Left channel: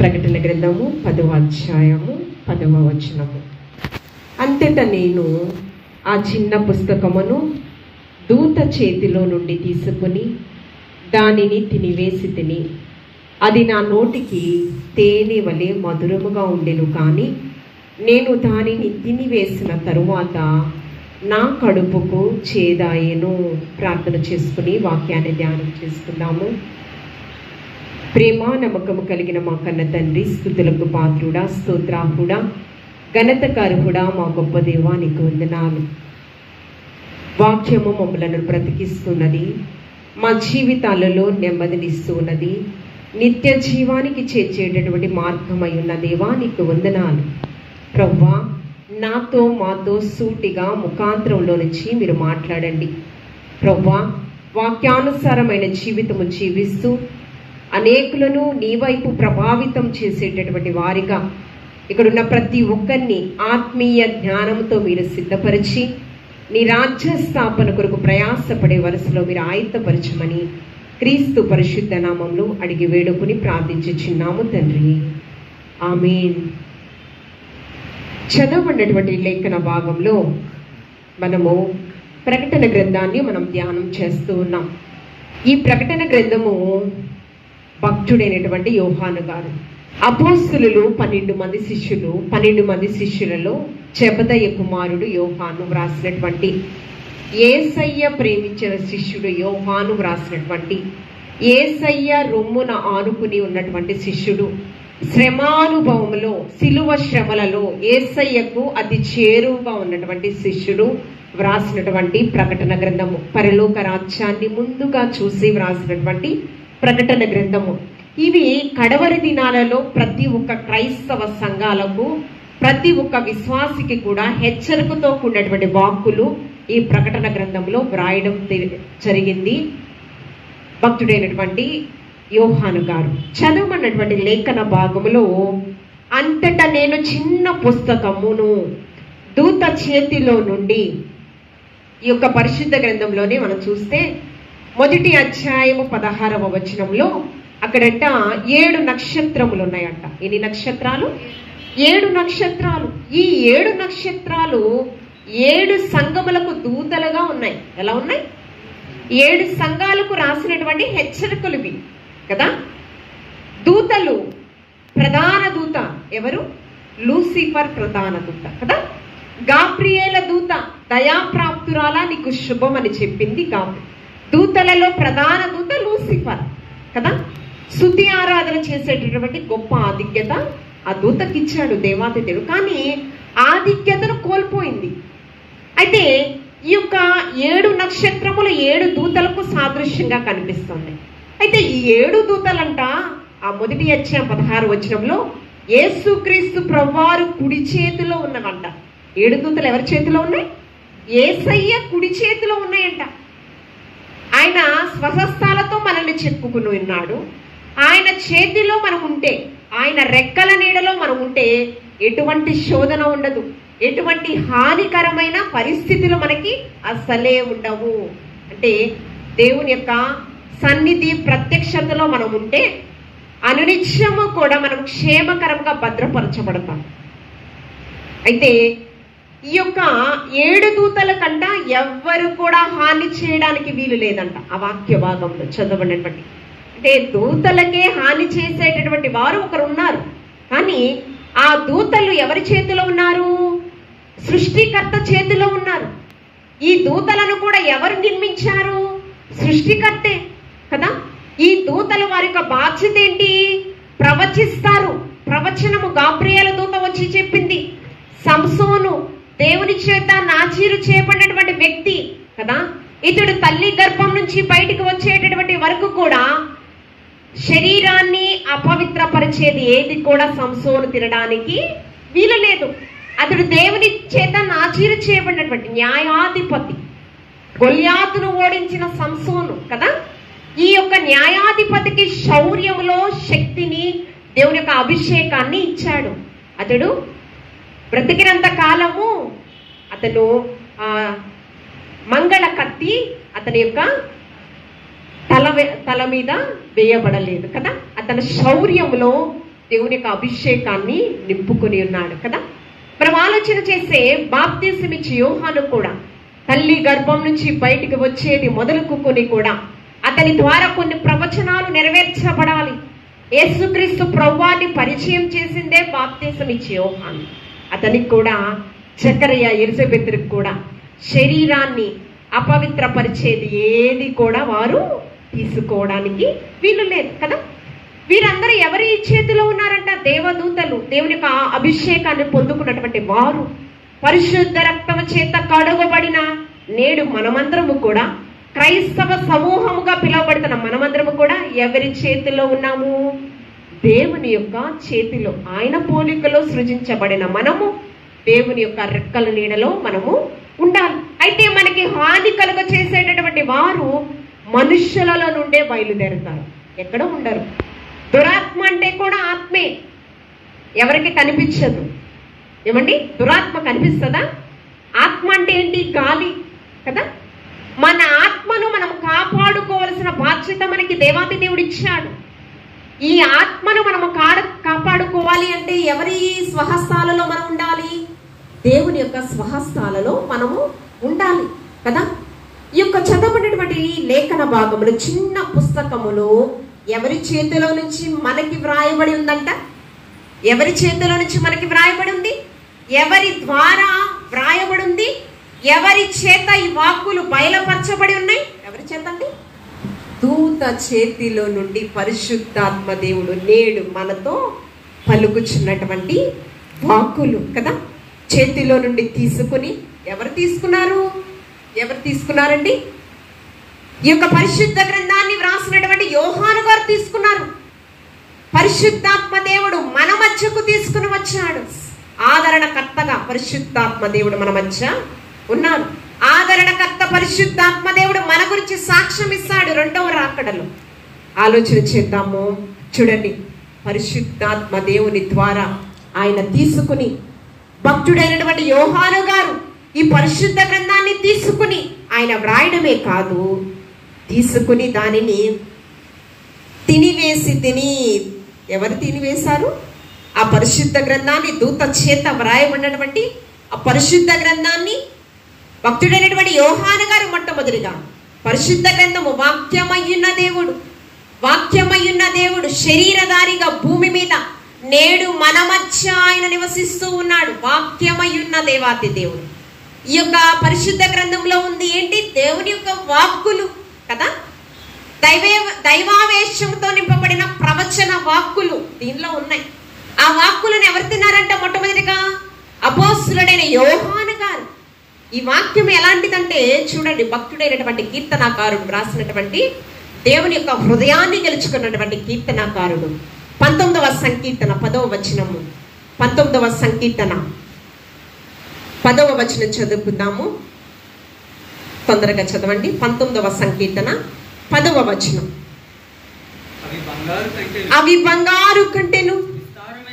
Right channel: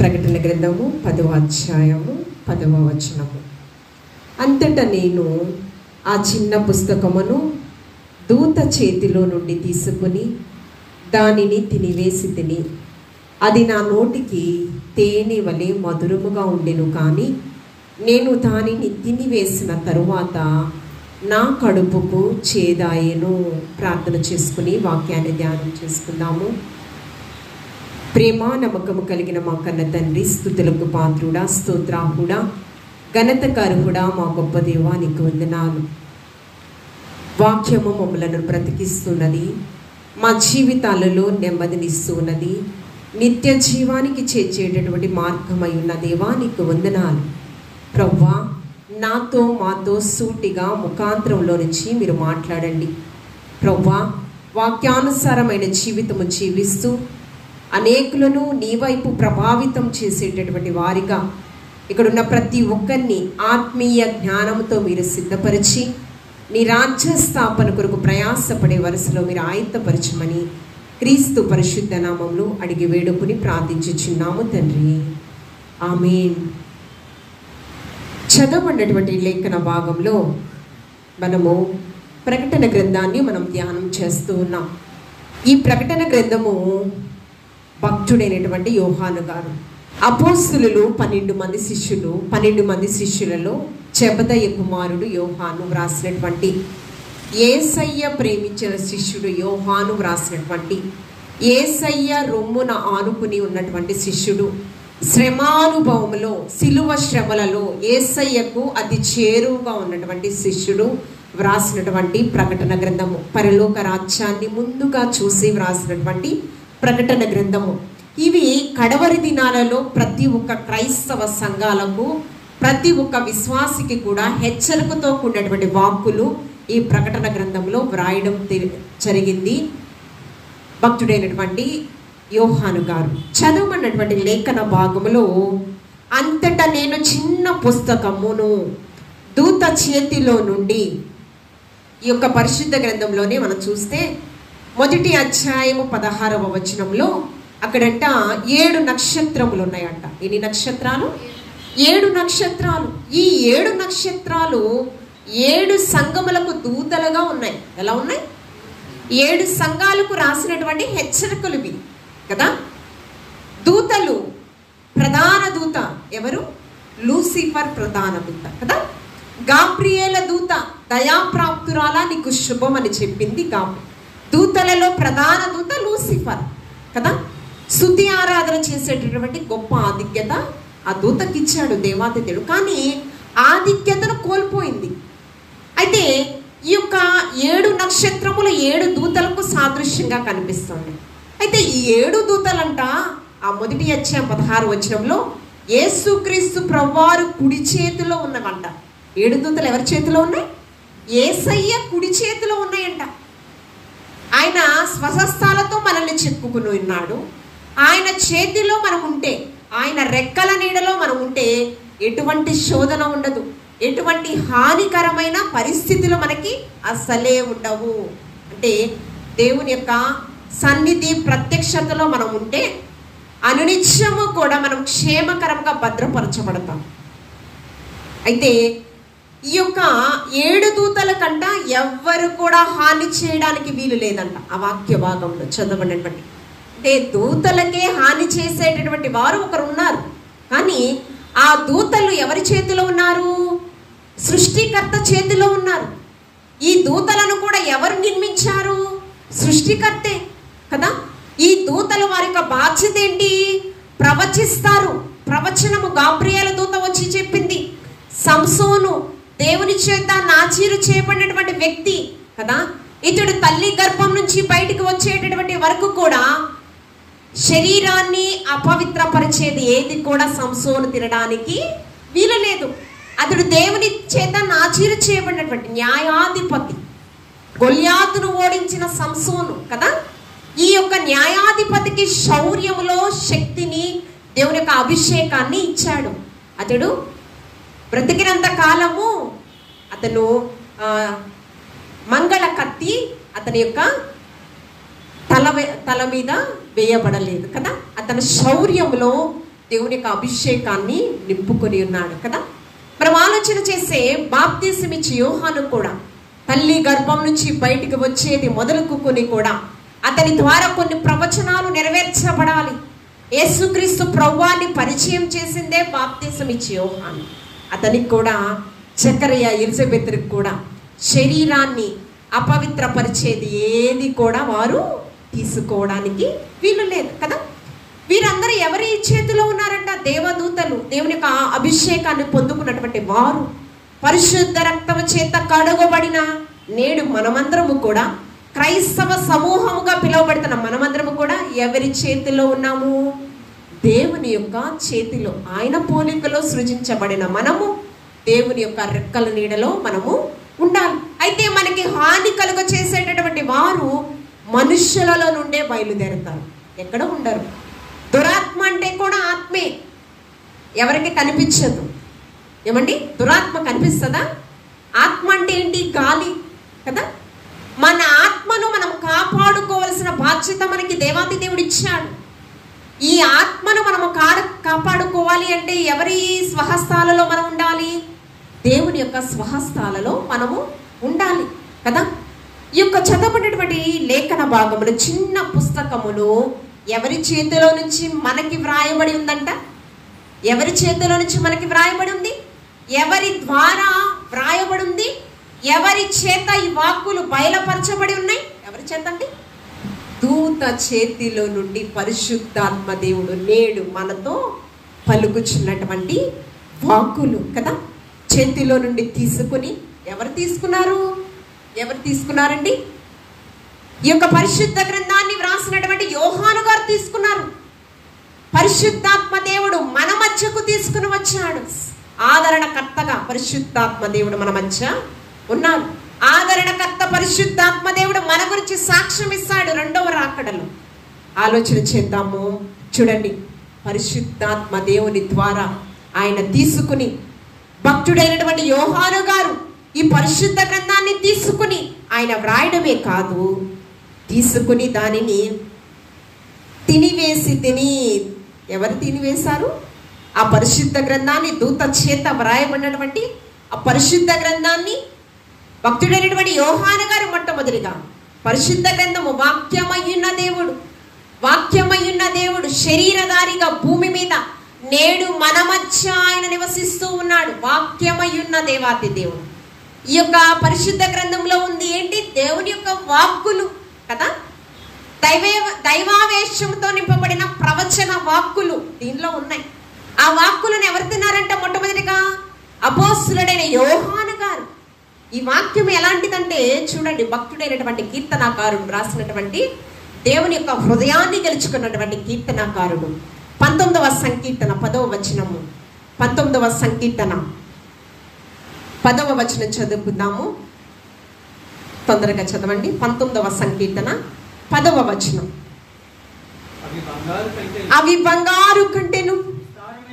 ప్రకటన గ్రంథము 10వ అధ్యాయము 10వ వచనము. అంతటా నేను ఆ చిన్న పుస్తకమును దూత చేతిలో నుండి తీసుకుని దానిని తినివేసి తిని, అది నా నోటికి తేనె వలె మధురముగా ఉండెను. కానీ నేను దానిని తినివేసిన తరువాత నా కడుపుకు చేదాయెను. ప్రార్థన చేసుకుని వాక్యాన్ని ధ్యానం చేసుకుందాము. ప్రేమ నమ్మకము కలిగిన మా కన్న తండ్రి, స్తుతులకు పాత్రుడా, స్తోత్రాహుడా, ఘనతకారుడా, మా గొప్ప దేవా, నీకు వందనాలు. వాక్యము మమ్మలను బ్రతికిస్తున్నది, మా జీవితాలలో నెమ్మదినిస్తున్నది, నిత్య జీవానికి చేర్చేటటువంటి మార్గమై ఉన్న దేవా, నీకు వందనాలు. ప్రభువా, నాతో మాతో సూటిగా ముఖాంతరంలో నుంచి మీరు మాట్లాడండి. ప్రభువా, వాక్యానుసారమైన జీవితము జీవిస్తూ అనేకులను నీ వైపు ప్రభావితం చేసేటటువంటి వారిగా ఇక్కడున్న ప్రతి ఒక్కరిని ఆత్మీయ జ్ఞానంతో మీరు సిద్ధపరిచి నీ రాజ్య స్థాపన కొరకు ప్రయాసపడే వరుసలో మీరు ఆయుత్తపరచమని క్రీస్తు పరిశుద్ధ నామంలో అడిగి వేడుకుని ప్రార్థించుచున్నాము తండ్రి, ఆమేన్. చదవబడినటువంటి లేఖన భాగంలో మనము ప్రకటన గ్రంథాన్ని మనం ధ్యానం చేస్తూ ఉన్నాం. ఈ ప్రకటన గ్రంథము భక్తుడైనటువంటి యోహాను గారు, అపోస్తలులు 12 మంది శిష్యులు, 12 మంది శిష్యులలో జెబెదయి కుమారుడు యోహాను వ్రాసినటువంటి, యేసయ్య ప్రేమించిన శిష్యుడు యోహాను వ్రాసినటువంటి, యేసయ్య రొమ్మున ఆనుకుని ఉన్నటువంటి శిష్యుడు, శ్రమానుభవములో సిలువ శ్రమలలో యేసయ్యకు అతి చేరువుగా ఉన్నటువంటి శిష్యుడు వ్రాసినటువంటి ప్రకటన గ్రంథము. పరలోక రాజ్యాన్ని ముందుగా చూసి వ్రాసినటువంటి ప్రకటన గ్రంథము. ఇవి కడవరి దినాలలో ప్రతి ఒక్క క్రైస్తవ సంఘాలకు, ప్రతి ఒక్క విశ్వాసికి కూడా హెచ్చరికతో కూడినటువంటి వాక్కులు ఈ ప్రకటన గ్రంథంలో వ్రాయడం జరిగింది భక్తుడైనటువంటి యోహాను గారు. చదవమన్నటువంటి లేఖన భాగములో, అంతటా నేను చిన్న పుస్తకమును దూత చేతిలో నుండి, ఈ యొక్క పరిశుద్ధ గ్రంథంలోనే మనం చూస్తే మొదటి అధ్యాయము 16వ వచనంలో అక్కడంట 7 నక్షత్రములు ఉన్నాయంట. ఎన్ని నక్షత్రాలు? 7 నక్షత్రాలు. ఈ 7 నక్షత్రాలు 7 సంఘములకు దూతలుగా ఉన్నాయి. ఎలా ఉన్నాయి? 7 సంఘాలకు రాసినటువంటి హెచ్చరికలు ఇవి కదా. దూతలు, ప్రధాన దూత ఎవరు? లూసిఫర్ ప్రధాన దూత కదా. గాబ్రియేల దూత, దయాప్రాప్తురాల, నీకు శుభం అని చెప్పింది గాబ్రియెల్. దూతలలో ప్రధాన దూత లూసిఫర్ కదా. స్తుతి ఆరాధన చేసేటటువంటి గొప్ప ఆధిక్యత ఆ దూతకి ఇచ్చాడు దేవాదిత్యుడు. కానీ ఆధిక్యతను కోల్పోయింది. అయితే ఈ యొక్క 7 నక్షత్రములు 7 దూతలకు సాదృశ్యంగా కనిపిస్తుంది. అయితే ఈ 7 దూతలంట ఆ మొదటి అధ్యాయం 16 వచనంలో యేసుక్రీస్తు ప్రభువారు కుడి చేతిలో ఉన్నవంట. 7 దూతలు ఎవరి చేతిలో ఉన్నాయి? యేసయ్య కుడి చేతిలో ఉన్నాయంట. ఆయన స్వహస్తాలతో మనల్ని చెక్కుకుని ఉన్నాడు. ఆయన చేతిలో మనం ఉంటే, ఆయన రెక్కల నీడలో మనం ఉంటే ఎటువంటి శోధన ఉండదు, ఎటువంటి హానికరమైన పరిస్థితులు మనకి అస్సలే ఉండవు. అంటే దేవుని యొక్క సన్నిధి ప్రత్యక్షతలో మనం ఉంటే అనునిత్యము కూడా మనం క్షేమకరంగా భద్రపరచబడతాం. అయితే ఈ యొక్క 7 దూతల కంట ఎవ్వరు కూడా హాని చేయడానికి వీలు లేదంట. ఆ వాక్య భాగంలో చదవబడినటువంటి, అంటే దూతలకే హాని చేసేటటువంటి వారు ఒకరు ఉన్నారు. కానీ ఆ దూతలు ఎవరి చేతిలో ఉన్నారు? సృష్టికర్త చేతిలో ఉన్నారు. ఈ దూతలను కూడా ఎవరు నిర్మించారు? సృష్టికర్తే కదా. ఈ దూతలు వారి యొక్క బాధ్యత ఏంటి? ప్రవచిస్తారు. ప్రవచనము గాబ్రియేల దూత వచ్చి చెప్పింది. సంసోను దేవుని చేత నాచీరు చేయబడినటువంటి వ్యక్తి కదా. ఇతడు తల్లి గర్భం నుంచి బయటికి వచ్చేటటువంటి వరకు కూడా శరీరాన్ని అపవిత్రపరిచేది ఏది కూడా సంసోను తినడానికి వీలు లేదు. అతడు దేవుని చేత నాచీరు చేయబడినటువంటి న్యాయాధిపతి. గొల్యాతును ఓడించిన సంసోను కదా. ఈ యొక్క న్యాయాధిపతికి శౌర్యములో శక్తిని, దేవుని యొక్క అభిషేకాన్ని ఇచ్చాడు. అతడు బ్రతికినంత కాలము అతను మంగళ కత్తి అతని యొక్క తల మీద వేయబడలేదు కదా. అతని శౌర్యంలో దేవుని యొక్క అభిషేకాన్ని నింపుకొని ఉన్నాడు కదా. మనం ఆలోచన చేస్తే బాప్తిసం ఇచ్చి యోహాను కూడా తల్లి గర్భం నుంచి బయటికి వచ్చేది మొదలుకొని కూడా అతని ద్వారా కొన్ని ప్రవచనాలు నెరవేర్చబడాలి. యేసుక్రీస్తు ప్రభువాన్ని పరిచయం చేసిందే బాప్తిసం ఇచ్చి యోహాను. అతనికి కూడా జకరియా ఎలిజబెత్కి కూడా శరీరాన్ని అపవిత్రపరిచేది ఏది కూడా వారు తీసుకోవడానికి వీలు లేదు కదా. వీరందరూ ఎవరి చేతిలో ఉన్నారంట? దేవదూతలు, దేవుని యొక్క అభిషేకాన్ని పొందుకున్నటువంటి వారు, పరిశుద్ధ రక్తము చేత కడుగబడిన నేడు మనమందరము కూడా క్రైస్తవ సమూహముగా పిలువబడుతున్న మనమందరము కూడా ఎవరి చేతిలో ఉన్నాము? దేవుని యొక్క చేతిలో. ఆయన పోలికలో సృజించబడిన మనము దేవుని యొక్క రెక్కల నీడలో మనము ఉండాలి. అయితే మనకి హాని కలుగ చేసేటటువంటి వారు మనుష్యులలో నుండే బయలుదేరుతారు, ఎక్కడ ఉండరు. దురాత్మ అంటే కూడా ఆత్మే, ఎవరికి కనిపించదు. ఏమండి, దురాత్మ కనిపిస్తుందా? ఆత్మ అంటే ఏంటి? గాలి కదా. మన ఆత్మను మనం కాపాడుకోవలసిన బాధ్యత మనకి దేవాతి దేవుడు ఇచ్చాడు. ఈ ఆత్మను మనము కాపాడుకోవాలి అంటే ఎవరి స్వహస్తాలలో మనం ఉండాలి? దేవుని యొక్క స్వహస్తాలలో మనము ఉండాలి కదా. ఈ యొక్క చదవబడినటువంటి లేఖన భాగములు, చిన్న పుస్తకములు ఎవరి చేతిలో నుంచి మనకి వ్రాయబడి ఉందంట? ఎవరి చేతిలో నుంచి మనకి వ్రాయబడి ఉంది? ఎవరి ద్వారా వ్రాయబడి ఉంది? ఎవరి చేత ఈ వాక్కులు బయలుపరచబడి ఉన్నాయి? ఎవరి చేత అండి? దూత చేతిలో నుండి పరిశుద్ధాత్మ దేవుడు నేడు మనతో పలుకుచున్నటువంటి వాక్కులు కదా. చేతిలో నుండి తీసుకుని ఎవరు తీసుకున్నారు? ఎవరు తీసుకున్నారండి? ఈ యొక్క పరిశుద్ధ గ్రంథాన్ని వ్రాసినటువంటి యోహాను గారు తీసుకున్నారు. పరిశుద్ధాత్మ దేవుడు మన మధ్యకు తీసుకుని వచ్చాడు. ఆదరణకర్తగా పరిశుద్ధాత్మ దేవుడు మన మధ్య ఉన్నారు. ఆదరణకర్త పరిశుద్ధాత్మ దేవుడు మన గురించి సాక్ష్యం ఇస్తాడు రెండవ రాకడలో. ఆలోచన చేద్దాము. చూడండి, పరిశుద్ధాత్మ దేవుని ద్వారా ఆయన తీసుకుని, భక్తుడైనటువంటి యోహాను గారు ఈ పరిశుద్ధ గ్రంథాన్ని తీసుకుని ఆయన వ్రాయడమే కాదు, తీసుకుని దానిని తినివేసి ఎవరు తినివేశారు? ఆ పరిశుద్ధ గ్రంథాన్ని దూత చేత వ్రాయబడినటువంటి ఆ పరిశుద్ధ గ్రంథాన్ని భక్తుడైనటువంటి యోహాను గారు మొట్టమొదటిగా పరిశుద్ధ గ్రంథము వాక్యమయ్యున్న దేవుడు శరీరధారిగా భూమి మీద నేడు మన మధ్య ఆయన నివసిస్తూ ఉన్నాడు. వాక్యమయ్యున్న దేవాతి దేవుడు. ఈ యొక్క పరిశుద్ధ గ్రంథంలో ఉంది ఏంటి? దేవుని యొక్క వాక్కులు కదా. దైవావేశంతో నింపబడిన ప్రవచన వాక్కులు దీనిలో ఉన్నాయి. ఆ వాక్కులను ఎవరు తిన్నారంటే మొట్టమొదటిగా అపోస్తులుడైన యోహాను గారు. ఈ వాక్యం ఎలాంటిదంటే చూడండి, భక్తుడైనటువంటి కీర్తనాకారుడు రాసినటువంటి, దేవుని యొక్క హృదయాన్ని గెలుచుకున్నటువంటి కీర్తనాకారుడు 19వ సంకీర్తన 10వ వచనము. 19వ సంకీర్తన 10వ వచనం చదువుకుందాము. తొందరగా చదవండి. 19వ సంకీర్తన 10వ వచనం. అవి బంగారు కంటేను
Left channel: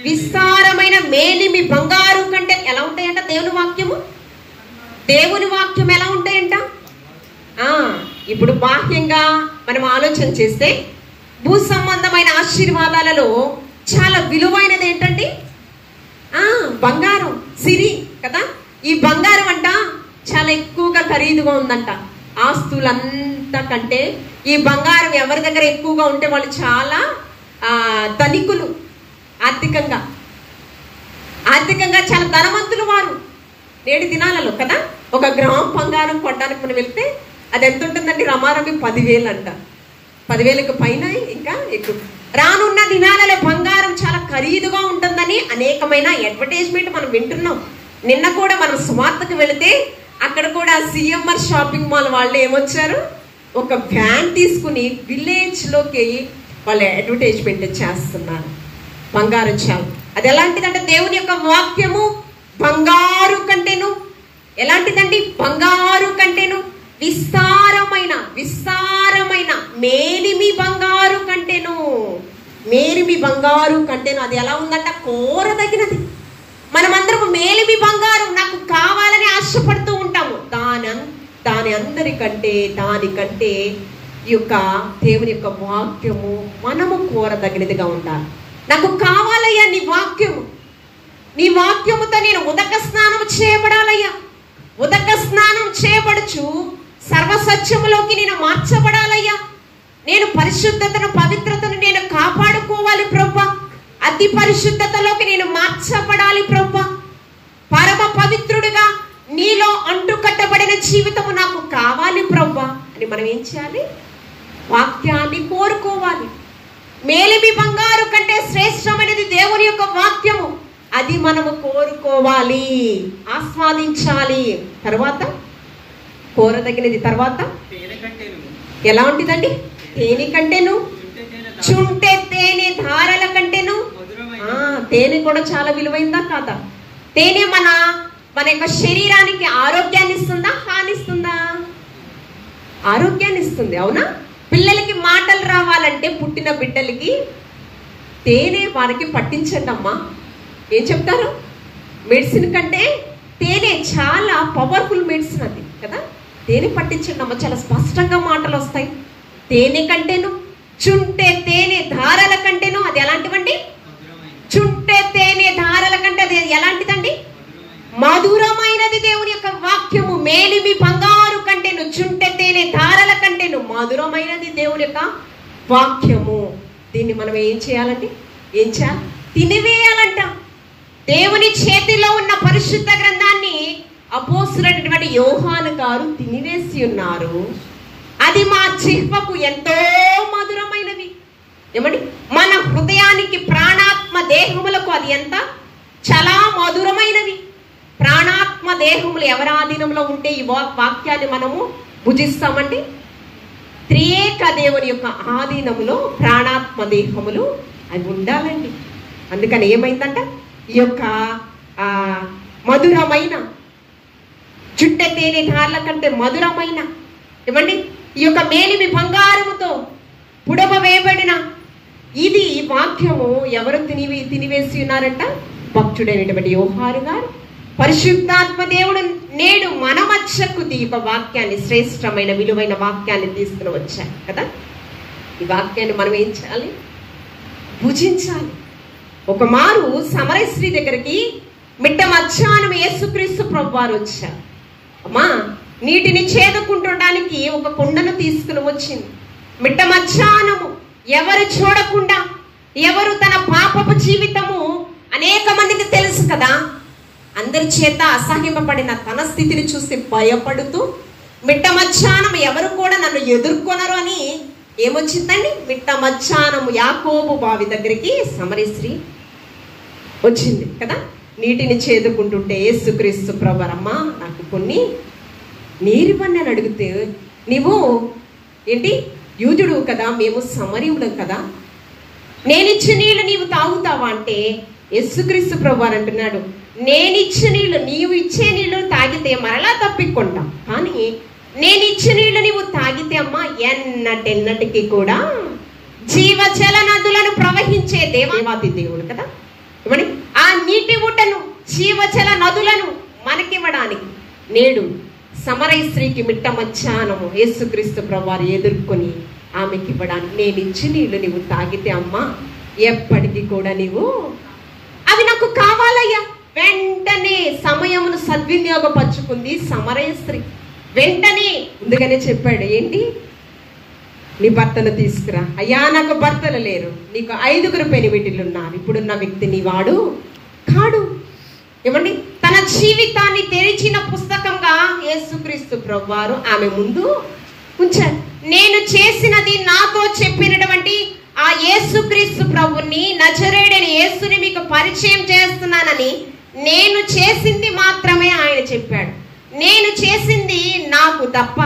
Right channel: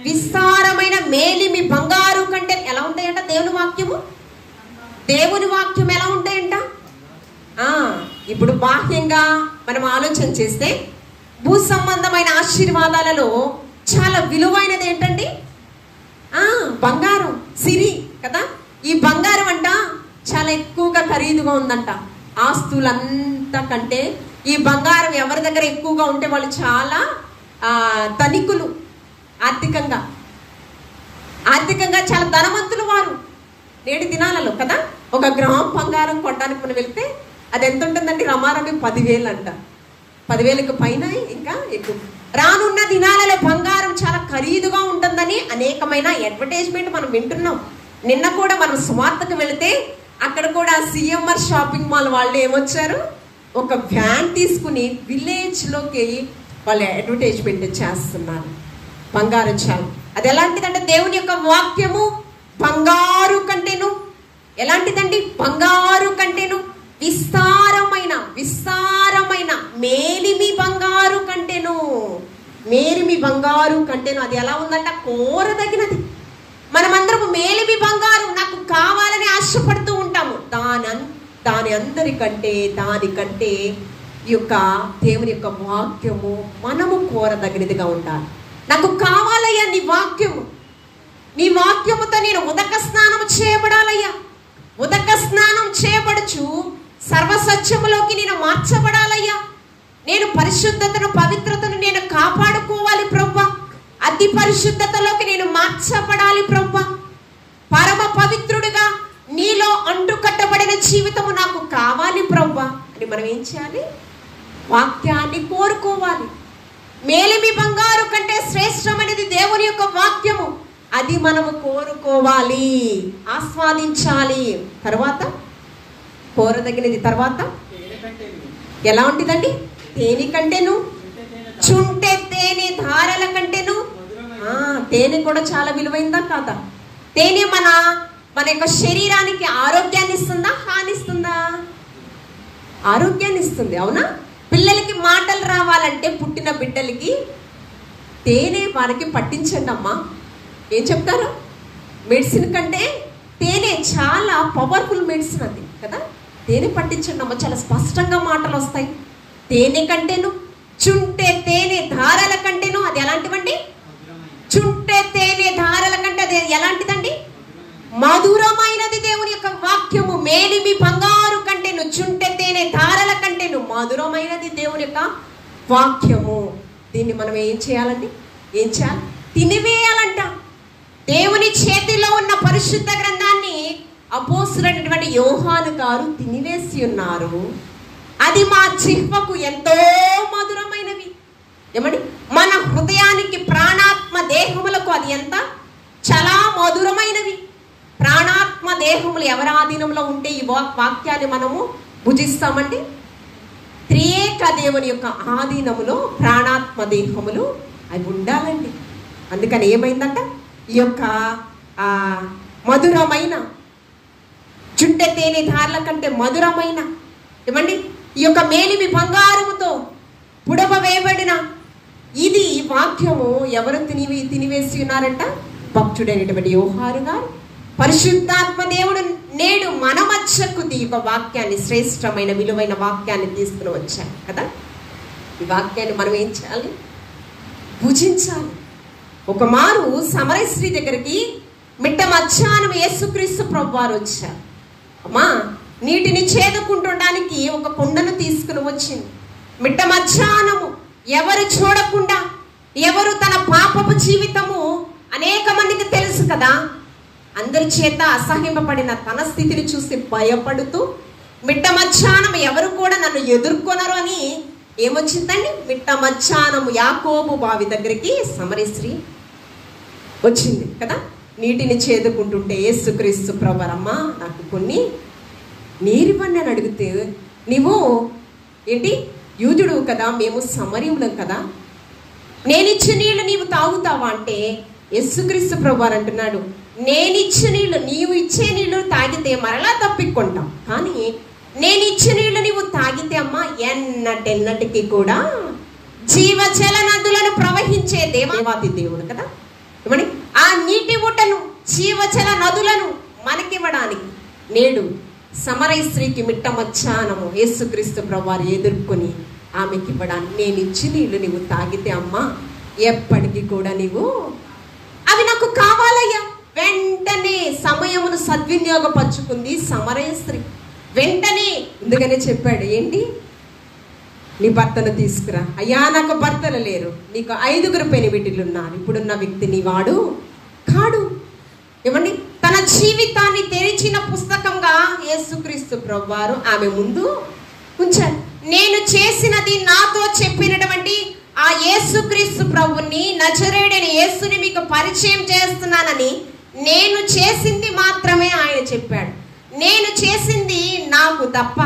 విస్తారమైన మేలిమి బంగారు కంటే ఎలా ఉంటాయంట? దేవుని వాక్యం ఎలా ఉంటాయంట? ఇప్పుడు బాహ్యంగా మనం ఆలోచన చేస్తే భూ సంబంధమైన ఆశీర్వాదాలలో చాలా విలువైనది ఏంటండి? బంగారం, సిరి కదా. ఈ బంగారం అంట చాలా ఎక్కువగా ఖరీదుగా ఉందంట. ఆస్తులంతా కంటే ఈ బంగారం ఎవరి దగ్గర ఎక్కువగా ఉంటే వాళ్ళు చాలా ధనికులు, ఆర్థికంగా చాలా ధనవంతులు వారు నేటి దినాలలో కదా. 1 గ్రామ్ బంగారం కొనడానికి మనం వెళ్తే అది ఎంత ఉంటుందండి? రమారమి 10,000 అంట. 10,000కు పైన ఇంకా ఎక్కువ. రానున్న దినాలలో బంగారం చాలా ఖరీదుగా ఉంటుందని అనేకమైన అడ్వర్టైజ్మెంట్ మనం వింటున్నాం. నిన్న కూడా మనం సువార్తకు వెళితే అక్కడ కూడా సిఎంఆర్ షాపింగ్ మాల్ వాళ్ళు ఏమొచ్చారు? ఒక వ్యాన్ తీసుకుని విలేజ్ లోకి వాళ్ళు అడ్వర్టైజ్మెంట్ చేస్తున్నారు. బంగారం చాలా అది ఎలాంటిదంటే దేవుని యొక్క వాక్యము బంగారు కంటేను ఎలాంటిదండి? బంగారు కంటేను విస్తారమైన మేలిమి బంగారు కంటేను అది ఎలా ఉందంట? కోరదగినది. మనమందరము మేలిమి బంగారం నాకు కావాలని ఆశపడుతూ ఉంటాము. దానికంటే ఈ యొక్క దేవుని యొక్క వాక్యము మనము కోరదగినదిగా ఉండాలి. నాకు కావాలయ్యా నీ వాక్యముతో నేను ఉదక స్నానం చేయబడాలయ్యా. ఉదక స్నానం చేయబడుచు సర్వసత్యములోకి నేను మార్చబడాలయ్యా. నేను పరిశుద్ధతను, పవిత్రతను నేను కాపాడుకోవాలి ప్రభువా. అతి పరిశుద్ధతలోకి నేను మార్చబడాలి ప్రభువా. పరమ పవిత్రుడిగా నీలో అంటుకట్టబడిన జీవితము నాకు కావాలి ప్రభువా అని మనం ఏం చేయాలి? వాక్యాన్ని కోరుకోవాలి. మేలిమి బంగారు కంటే శ్రేష్టమైనది దేవుని యొక్క వాక్యము. అది మనము కోరుకోవాలి, ఆస్వాదించాలి. తర్వాత కోరదగినది. తర్వాత ఎలా ఉంటుందండి? తేనె కంటేను, చుంటె తేనె ధారల కంటేను. తేనె కూడా చాలా విలువైందా కాదా? తేనె మన యొక్క శరీరానికి ఆరోగ్యాన్ని ఇస్తుందా, హానిస్తుందా? ఆరోగ్యాన్ని ఇస్తుంది, అవునా? పిల్లలకి మాటలు రావాలంటే పుట్టిన బిడ్డలకి తేనె వారికి పట్టించండి అమ్మా. ఏం చెప్తారు? మెడిసిన్ కంటే తేనె చాలా పవర్ఫుల్ మెడిసిన్ అది కదా. తేనె పట్టించండి అమ్మ, చాలా స్పష్టంగా మాటలు వస్తాయి. తేనె కంటేను, చుంటె తేనె ధారల కంటేను. అది ఎలాంటివండి? చుంటె తేనె ధారల కంటే అది ఎలాంటిదండి? మధురమైనది దేవుని యొక్క వాక్యము. మేలిమి బంగారు కంటేను, చుంటె తేనె ధారల కంటేను మధురమైనది దేవుని యొక్క వాక్యము. దీన్ని మనం ఏం చేయాలండి? ఏం చేయాలి? తినివేయాలంట. దేవుని చేతిలో ఉన్న పరిశుద్ధ గ్రంథాన్ని అపోస్తలుడైనటువంటి యోహాను గారు తినివేసి ఉన్నారు. అది మా జిహ్వకు ఎంతో మధురమైనవి. ఏమండి? మన హృదయానికి, ప్రాణాత్మ దేహములకు అది ఎంత చాలా మధురమైనవి. ప్రాణాత్మ దేహములు ఎవరి ఆధీనంలో ఉంటే ఈ వాక్యాన్ని మనము భుజిస్తామండి? త్రియేక దేవుని యొక్క ఆధీనములో ప్రాణాత్మ దేహములు అవి ఉండాలండి. అందుకని ఏమైందంట? ఈ యొక్క మధురమైన చుట్టె తేనె ధారల కంటే మధురమైన, ఏమండి, ఈ యొక్క మేలిమి బంగారముతో పుడమ వేయబడిన ఇది ఈ వాక్యము ఎవరు తినివేసి ఉన్నారంట? భక్తుడైనటువంటి యోహాను గారు. పరిశుద్ధాత్మ దేవుడు నేడు మన మధ్యకు ఈ యొక్క వాక్యాన్ని, శ్రేష్టమైన విలువైన వాక్యాన్ని తీసుకుని వచ్చారు కదా. ఈ వాక్యాన్ని మనం ఏం చేయాలి? భుజించాలి. ఒక మారు సమరయ స్త్రీ దగ్గరికి మిట్ట మధ్యాహ్నం యేసుక్రీస్తు ప్రభువారు వచ్చారు. అమ్మా, నీటిని చేదుకుంటుండడానికి ఒక కుండను తీసుకుని వచ్చింది. మిట్ట మధ్యాహ్నము ఎవరు చూడకుండా, ఎవరు తన పాపపు జీవితము అనేక మందికి తెలుసు కదా, అందరి చేత అసహ్యింపబడిన తన స్థితిని చూసి భయపడుతూ మిట్ట మధ్యాహ్నం ఎవరు కూడా నన్ను ఎదుర్కొనరు అని ఏమొచ్చిందండి? మిట్ట మధ్యాహ్నము యాకోబు బావి దగ్గరికి సమరయ స్త్రీ వచ్చింది కదా. నీటిని చేదుకుంటుంటే యేసుక్రీస్తు ప్రభువరమ్మ నాకు కొన్ని నీరివ్వండి అని అడిగితే, నీవు ఏంటి యూదుడు కదా, మేము సమరయులం కదా, నేనిచ్చే నీళ్లు నీవు తాగుతావా అంటే యేసుక్రీస్తు ప్రభువారు అంటున్నాడు, నేనిచ్చే నీళ్లు, నీవు ఇచ్చే నీళ్లు తాగితే మరలా తప్పికొంటాం, కానీ నేనిచ్చే నీళ్లు నీవు తాగితే అమ్మా ఎన్నటికి కూడా జీవజల నదులను ప్రవహించే దేవాది దేవుడు కదా. ఇవ్వండి, ఆ నీటి ఊటను, జీవజల నదులను మనకివ్వడానికి నేడు సమరయ స్త్రీకి మిట్ట మధ్యాహ్నము యేసుక్రీస్తు ప్రభువారు ఎదుర్కొని ఆమెకి ఇవ్వడానికి, నేను ఇచ్చి నీళ్లు నీవు తాగితే అమ్మా ఎప్పటికీ కూడా నీవు అవి నాకు కావాలయ్యా. వెంటనే సమయమును సద్వినియోగపరుచుకుంది సమరయ స్త్రీ. వెంటనే ముందుగానే చెప్పాడు, ఏంటి, నీ భర్తను తీసుకురా. అయ్యా నాకు భర్తలు లేరు, నీకు 5 పెనిమిటిలు ఉన్నారు, ఇప్పుడున్న వ్యక్తి నీ వాడు కాడు. ఏమండి, తన జీవితాన్ని తెరిచిన పుస్తకంగా యేసుక్రీస్తు ప్రభువారు ఆమె ముందు ఉంచారు. నేను చేసినది, నాతో చెప్పినటువంటి ఆ యేసుక్రీస్తు ప్రభుని, నజరేయుడైన యేసుని మీకు పరిచయం చేస్తున్నానని నేను చేసింది మాత్రమే ఆయన చెప్పాడు. నేను చేసింది నాకు తప్ప,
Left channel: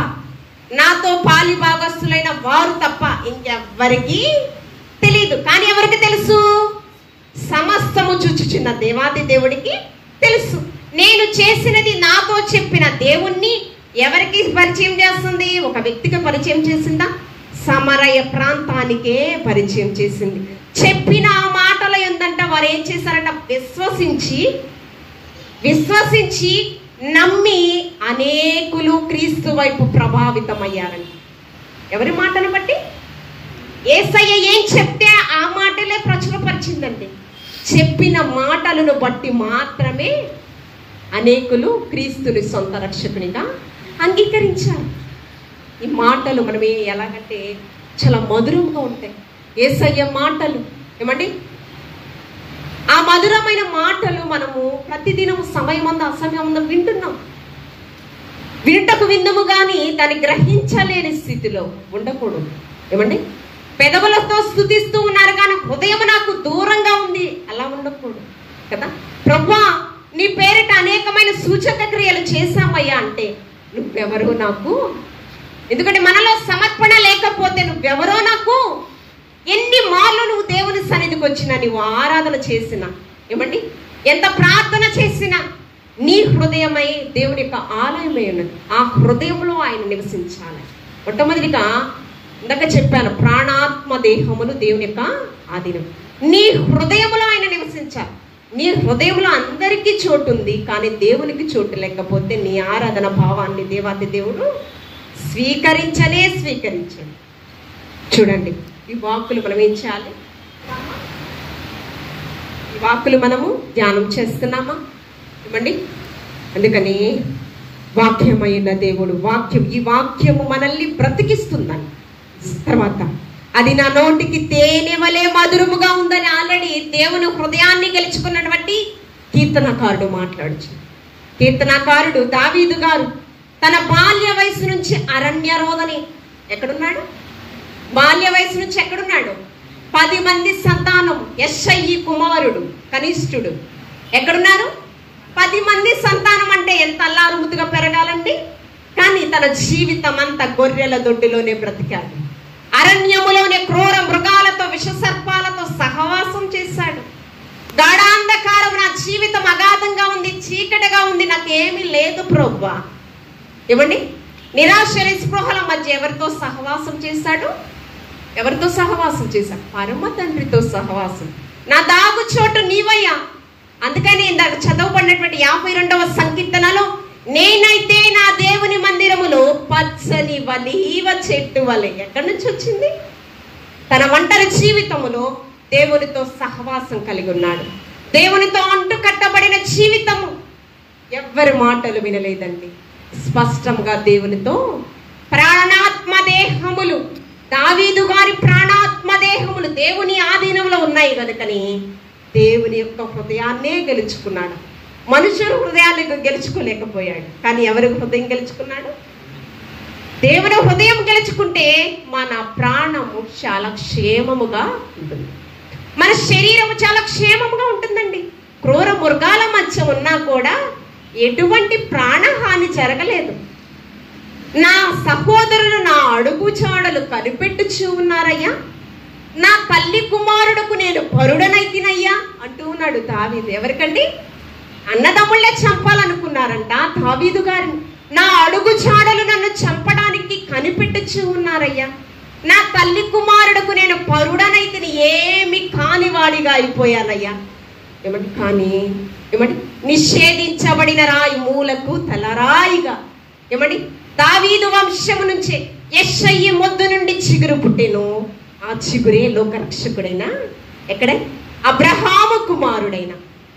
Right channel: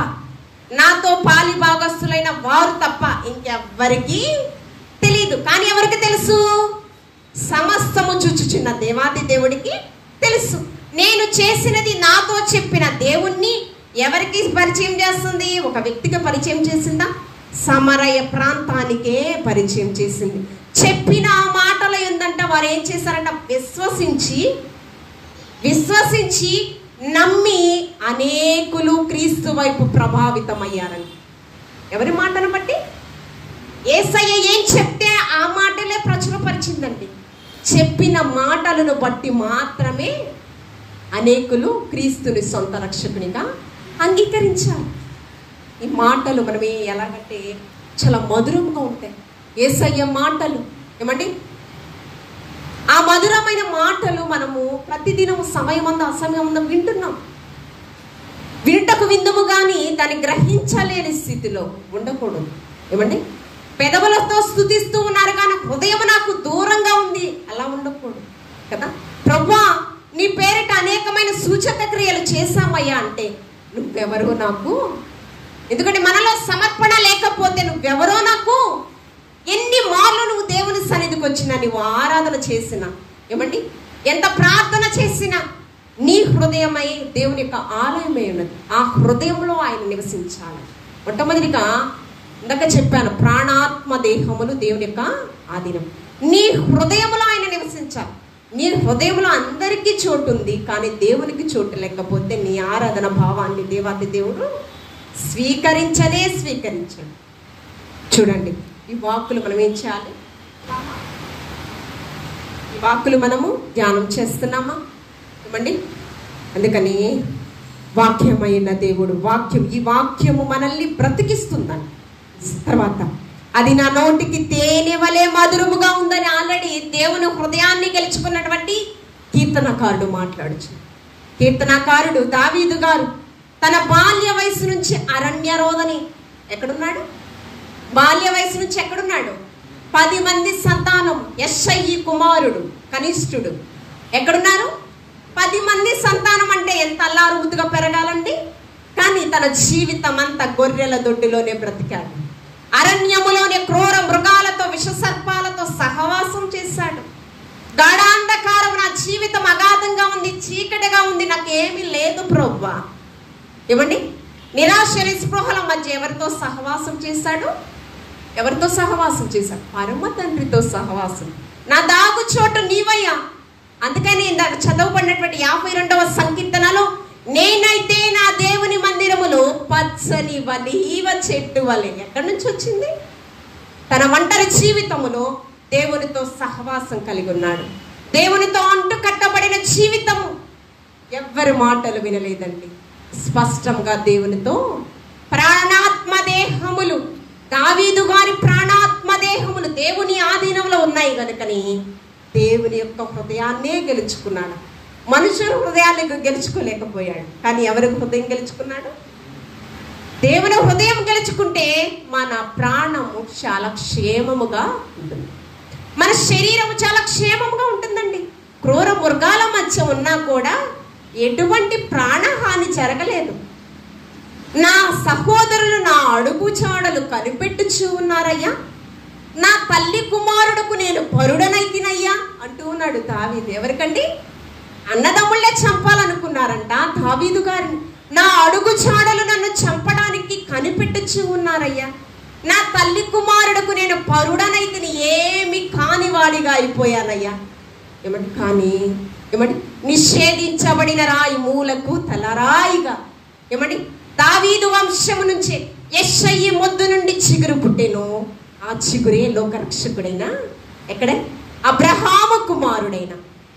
నాతో పాలి భాగస్తులైన వారు తప్ప ఇంకెవ్వరికి తెలియదు. కానీ ఎవరికి తెలుసు? సమస్తము చూచుచున్న దేవాది దేవుడికి తెలుసు. నేను చేసినది నాతో చెప్పిన దేవుణ్ణి ఎవరికి పరిచయం చేస్తుంది? ఒక వ్యక్తికి పరిచయం చేసిందా? సమరయ ప్రాంతానికే పరిచయం చేసింది. చెప్పిన ఆ మాటల ఏందంట, వారు ఏం చేశారంట? విశ్వసించి నమ్మి అనేకులు క్రీస్తు వైపు ప్రభావితమయ్యారంట. ఎవరి మాటను బట్టి? యేసయ్య ఏం చెప్తే ఆ మాటలే ప్రచురపరిచిందండి. చెప్పిన మాటలను బట్టి మాత్రమే అనేకులు క్రీస్తుని సొంత రక్షకునిగా అంగీకరించారు. ఈ మాటలు మనం ఎలాగంటే చాలా మధురంగా ఉంటాయి. యేసయ్య మాటలు ఏమండి, ఆ మధురమైన మాటలు మనము ప్రతిదినం సమయమందు అసమయమందు వింటున్నాం. వింటకు విందుము కానీ దాన్ని గ్రహించలేని స్థితిలో ఉండకూడదు. ఏమండి, పెదవులతో స్తుతిస్తూ ఉన్నారు కానీ హృదయం నాకు దూరంగా ఉంది, అలా ఉండకూడదు కదా. ప్రభువా, నీ పేరిట అనేకమైన సూచక క్రియలు చేశామయ్యా అంటే నువ్వెవరో నాకు, ఎందుకంటే మనలో సమర్పణ లేకపోతే నువ్వెవరో నాకు, ఎన్ని మార్లు నువ్వు దేవుని సన్నిధికి వచ్చినా, నువ్వు ఆరాధన చేసినా, ఏమండి ఎంత ప్రార్థన చేసినా నీ హృదయమై దేవుని యొక్క ఆలయమై ఉన్నది. ఆ హృదయంలో ఆయన నివసించాలి. మొట్టమొదటిగా ఇందాక చెప్పాను, ప్రాణాత్మ దేహములు దేవుని యొక్క ఆధీనం. నీ హృదయంలో ఆయన నివసించాలి. నీ హృదయంలో అందరికీ చోటు ఉంది, కానీ దేవునికి చోటు లేకపోతే నీ ఆరాధన భావాన్ని దేవాది దేవుడు స్వీకరించాడు. చూడండి, ఈ వాక్కులు మనం ఏం చేయాలి? ఈ వాక్కులు మనము ధ్యానం చేస్తున్నామా? ఏమండి, అందుకని వాక్యమైన దేవుడు వాక్యం, ఈ వాక్యము మనల్ని బ్రతికిస్తుందని, తర్వాత అది నా నోటికి తేనె వలె మధురముగా ఉందని ఆల్రెడీ దేవుని హృదయాన్ని గెలుచుకున్నటువంటి కీర్తనకారుడు మాట్లాడుచు. కీర్తనకారుడు దావీదు గారు తన బాల్య వయసు నుంచి అరణ్య రోదని ఎక్కడున్నాడు? బాల్య వయసు నుంచి ఎక్కడున్నాడు? 10 మంది సంతానం. యెష్షయి కుమారుడు కనిష్ఠుడు. ఎక్కడున్నారు? 10 మంది సంతానం అంటే ఎంత అల్లారు ముద్దుగా పెరగాలండి. కానీ తన జీవితం అంతా గొర్రెల దొడ్డిలోనే బ్రతికాడు. అరణ్యములోనే క్రూర మృగాలతో విషసర్పాలతో సహవాసం చేశాడు. గాఢాంధకారం, నా జీవితం అగాధంగా ఉంది, చీకటిగా ఉంది, నాకేమీ లేదు ప్రభువా. ఏమండి, నిరాశ నిస్పృహల మధ్య ఎవరితో సహవాసం చేశాడు? ఎవరితో సహవాసం చేశాడు? పరమ తండ్రితో సహవాసం. నా దాగు చోటు నీవయ్యా. అందుకని ఇందాక చదవబడినటువంటి 52వ సంకీర్తనలో, నేనైతే నా దేవుని మందిరములో పచ్చని వలీవ చెట్టు వలె. ఎక్కడి నుంచి వచ్చింది? తన ఒంటరి జీవితములో దేవునితో సహవాసం కలిగి ఉన్నాడు. దేవునితో అంటు కట్టబడిన జీవితము. ఎవ్వరి మాటలు వినలేదండి. స్పష్టంగా దేవునితో ప్రాణాత్మ దేహములు, దావీదు గారి ప్రాణాత్మ దేహములు దేవుని ఆధీనంలో ఉన్నాయి కనుకని దేవుని యొక్క హృదయాన్నే గెలుచుకున్నాడు. మనుషుల హృదయాన్ని గెలుచుకోలేకపోయాడు, కానీ ఎవరి హృదయం గెలుచుకున్నాడు? దేవుని హృదయం గెలుచుకుంటే మన ప్రాణము చాలా క్షేమముగా ఉంటుంది, మన శరీరము చాలా క్షేమముగా ఉంటుందండి. క్రూర మృగాల మధ్య ఉన్నా కూడా ఎటువంటి ప్రాణహాని జరగలేదు. నా సహోదరులు నా అడుగు చాడలు కనిపెట్టుచూ ఉన్నారయ్యా, నా తల్లి కుమారుడుకు నేను పరుడనైతినయ్యా అంటూ ఉన్నాడు దావీదు. ఎవరికండి? అన్నదమ్ముళ్ళే చంపాలనుకున్నారంట దావీదు గారిని. నా అడుగు చాడలు నన్ను చంపడానికి కనిపెట్టుచూ ఉన్నారయ్యా, నా తల్లి కుమారుడుకు నేను పరుడనైతిని, ఏమి కానివాడిగా అయిపోయానయ్యా. ఏమంటే కానీ ఏమంటే నిషేధించబడిన రాయి మూలకు తలరాయిగా, ఏమండి దావీదు వంశము నుంచే యెష్షయి మొద్దు నుండి చిగురు పుట్టెను. ఆ చిగురే లోకరక్షకుడైన ఎక్కడే అబ్రహాము కుమారుడైన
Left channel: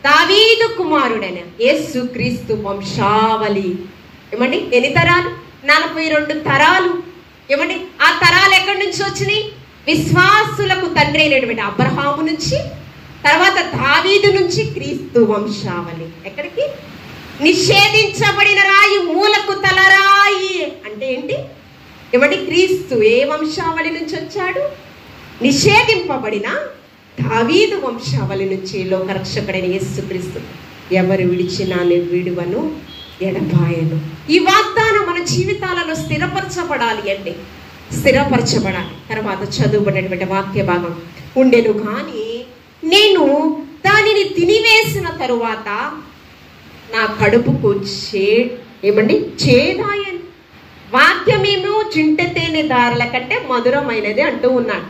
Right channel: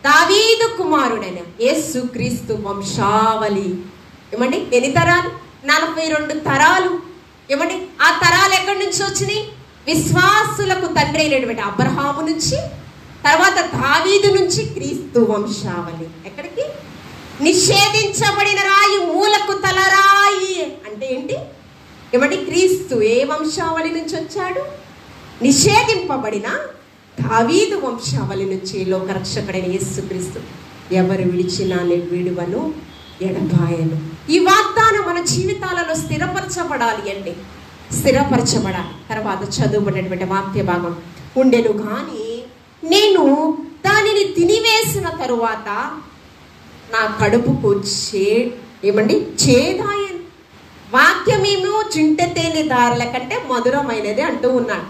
దావీదు కుమారుడైన యేసు క్రీస్తు వంశావళి. ఏమండి ఎన్ని తరాలు? 42 తరాలు. ఏమండి ఆ తరాలు ఎక్కడి నుంచి వచ్చినాయి? విశ్వాసులకు తండ్రి అయినటువంటి అబ్రహాము నుంచి, తర్వాత దావీదు నుంచి క్రీస్తు వంశావళి. ఎక్కడికి? నిషేధించబడిన రాయి మూలకు తలరాయి అంటే ఏంటి? ఏమండి క్రీస్తు ఏ వంశావళి నుంచి వచ్చాడు? నిషేధింపబడిన దావీదు వంశావళి నుంచి లోకరక్షకుడైన యేసుక్రీస్తు. ఎవరు విడిచినా నేను విడువను, ఎడబాయను. ఈ వాగ్దానం మన జీవితాలలో స్థిరపరచబడాలి అండి, స్థిరపరచబడాలి. తర్వాత చదువుబడినటువంటి వాక్య భాగం, ఉండెను కానీ నేను దానిని తినివేసిన తరువాత నా కడుపుకు ఏమండి చేదాయను. వాక్యమేమో చుంటె తేనె దారుల కంటే మధురమైనది అంటూ ఉన్నాడు.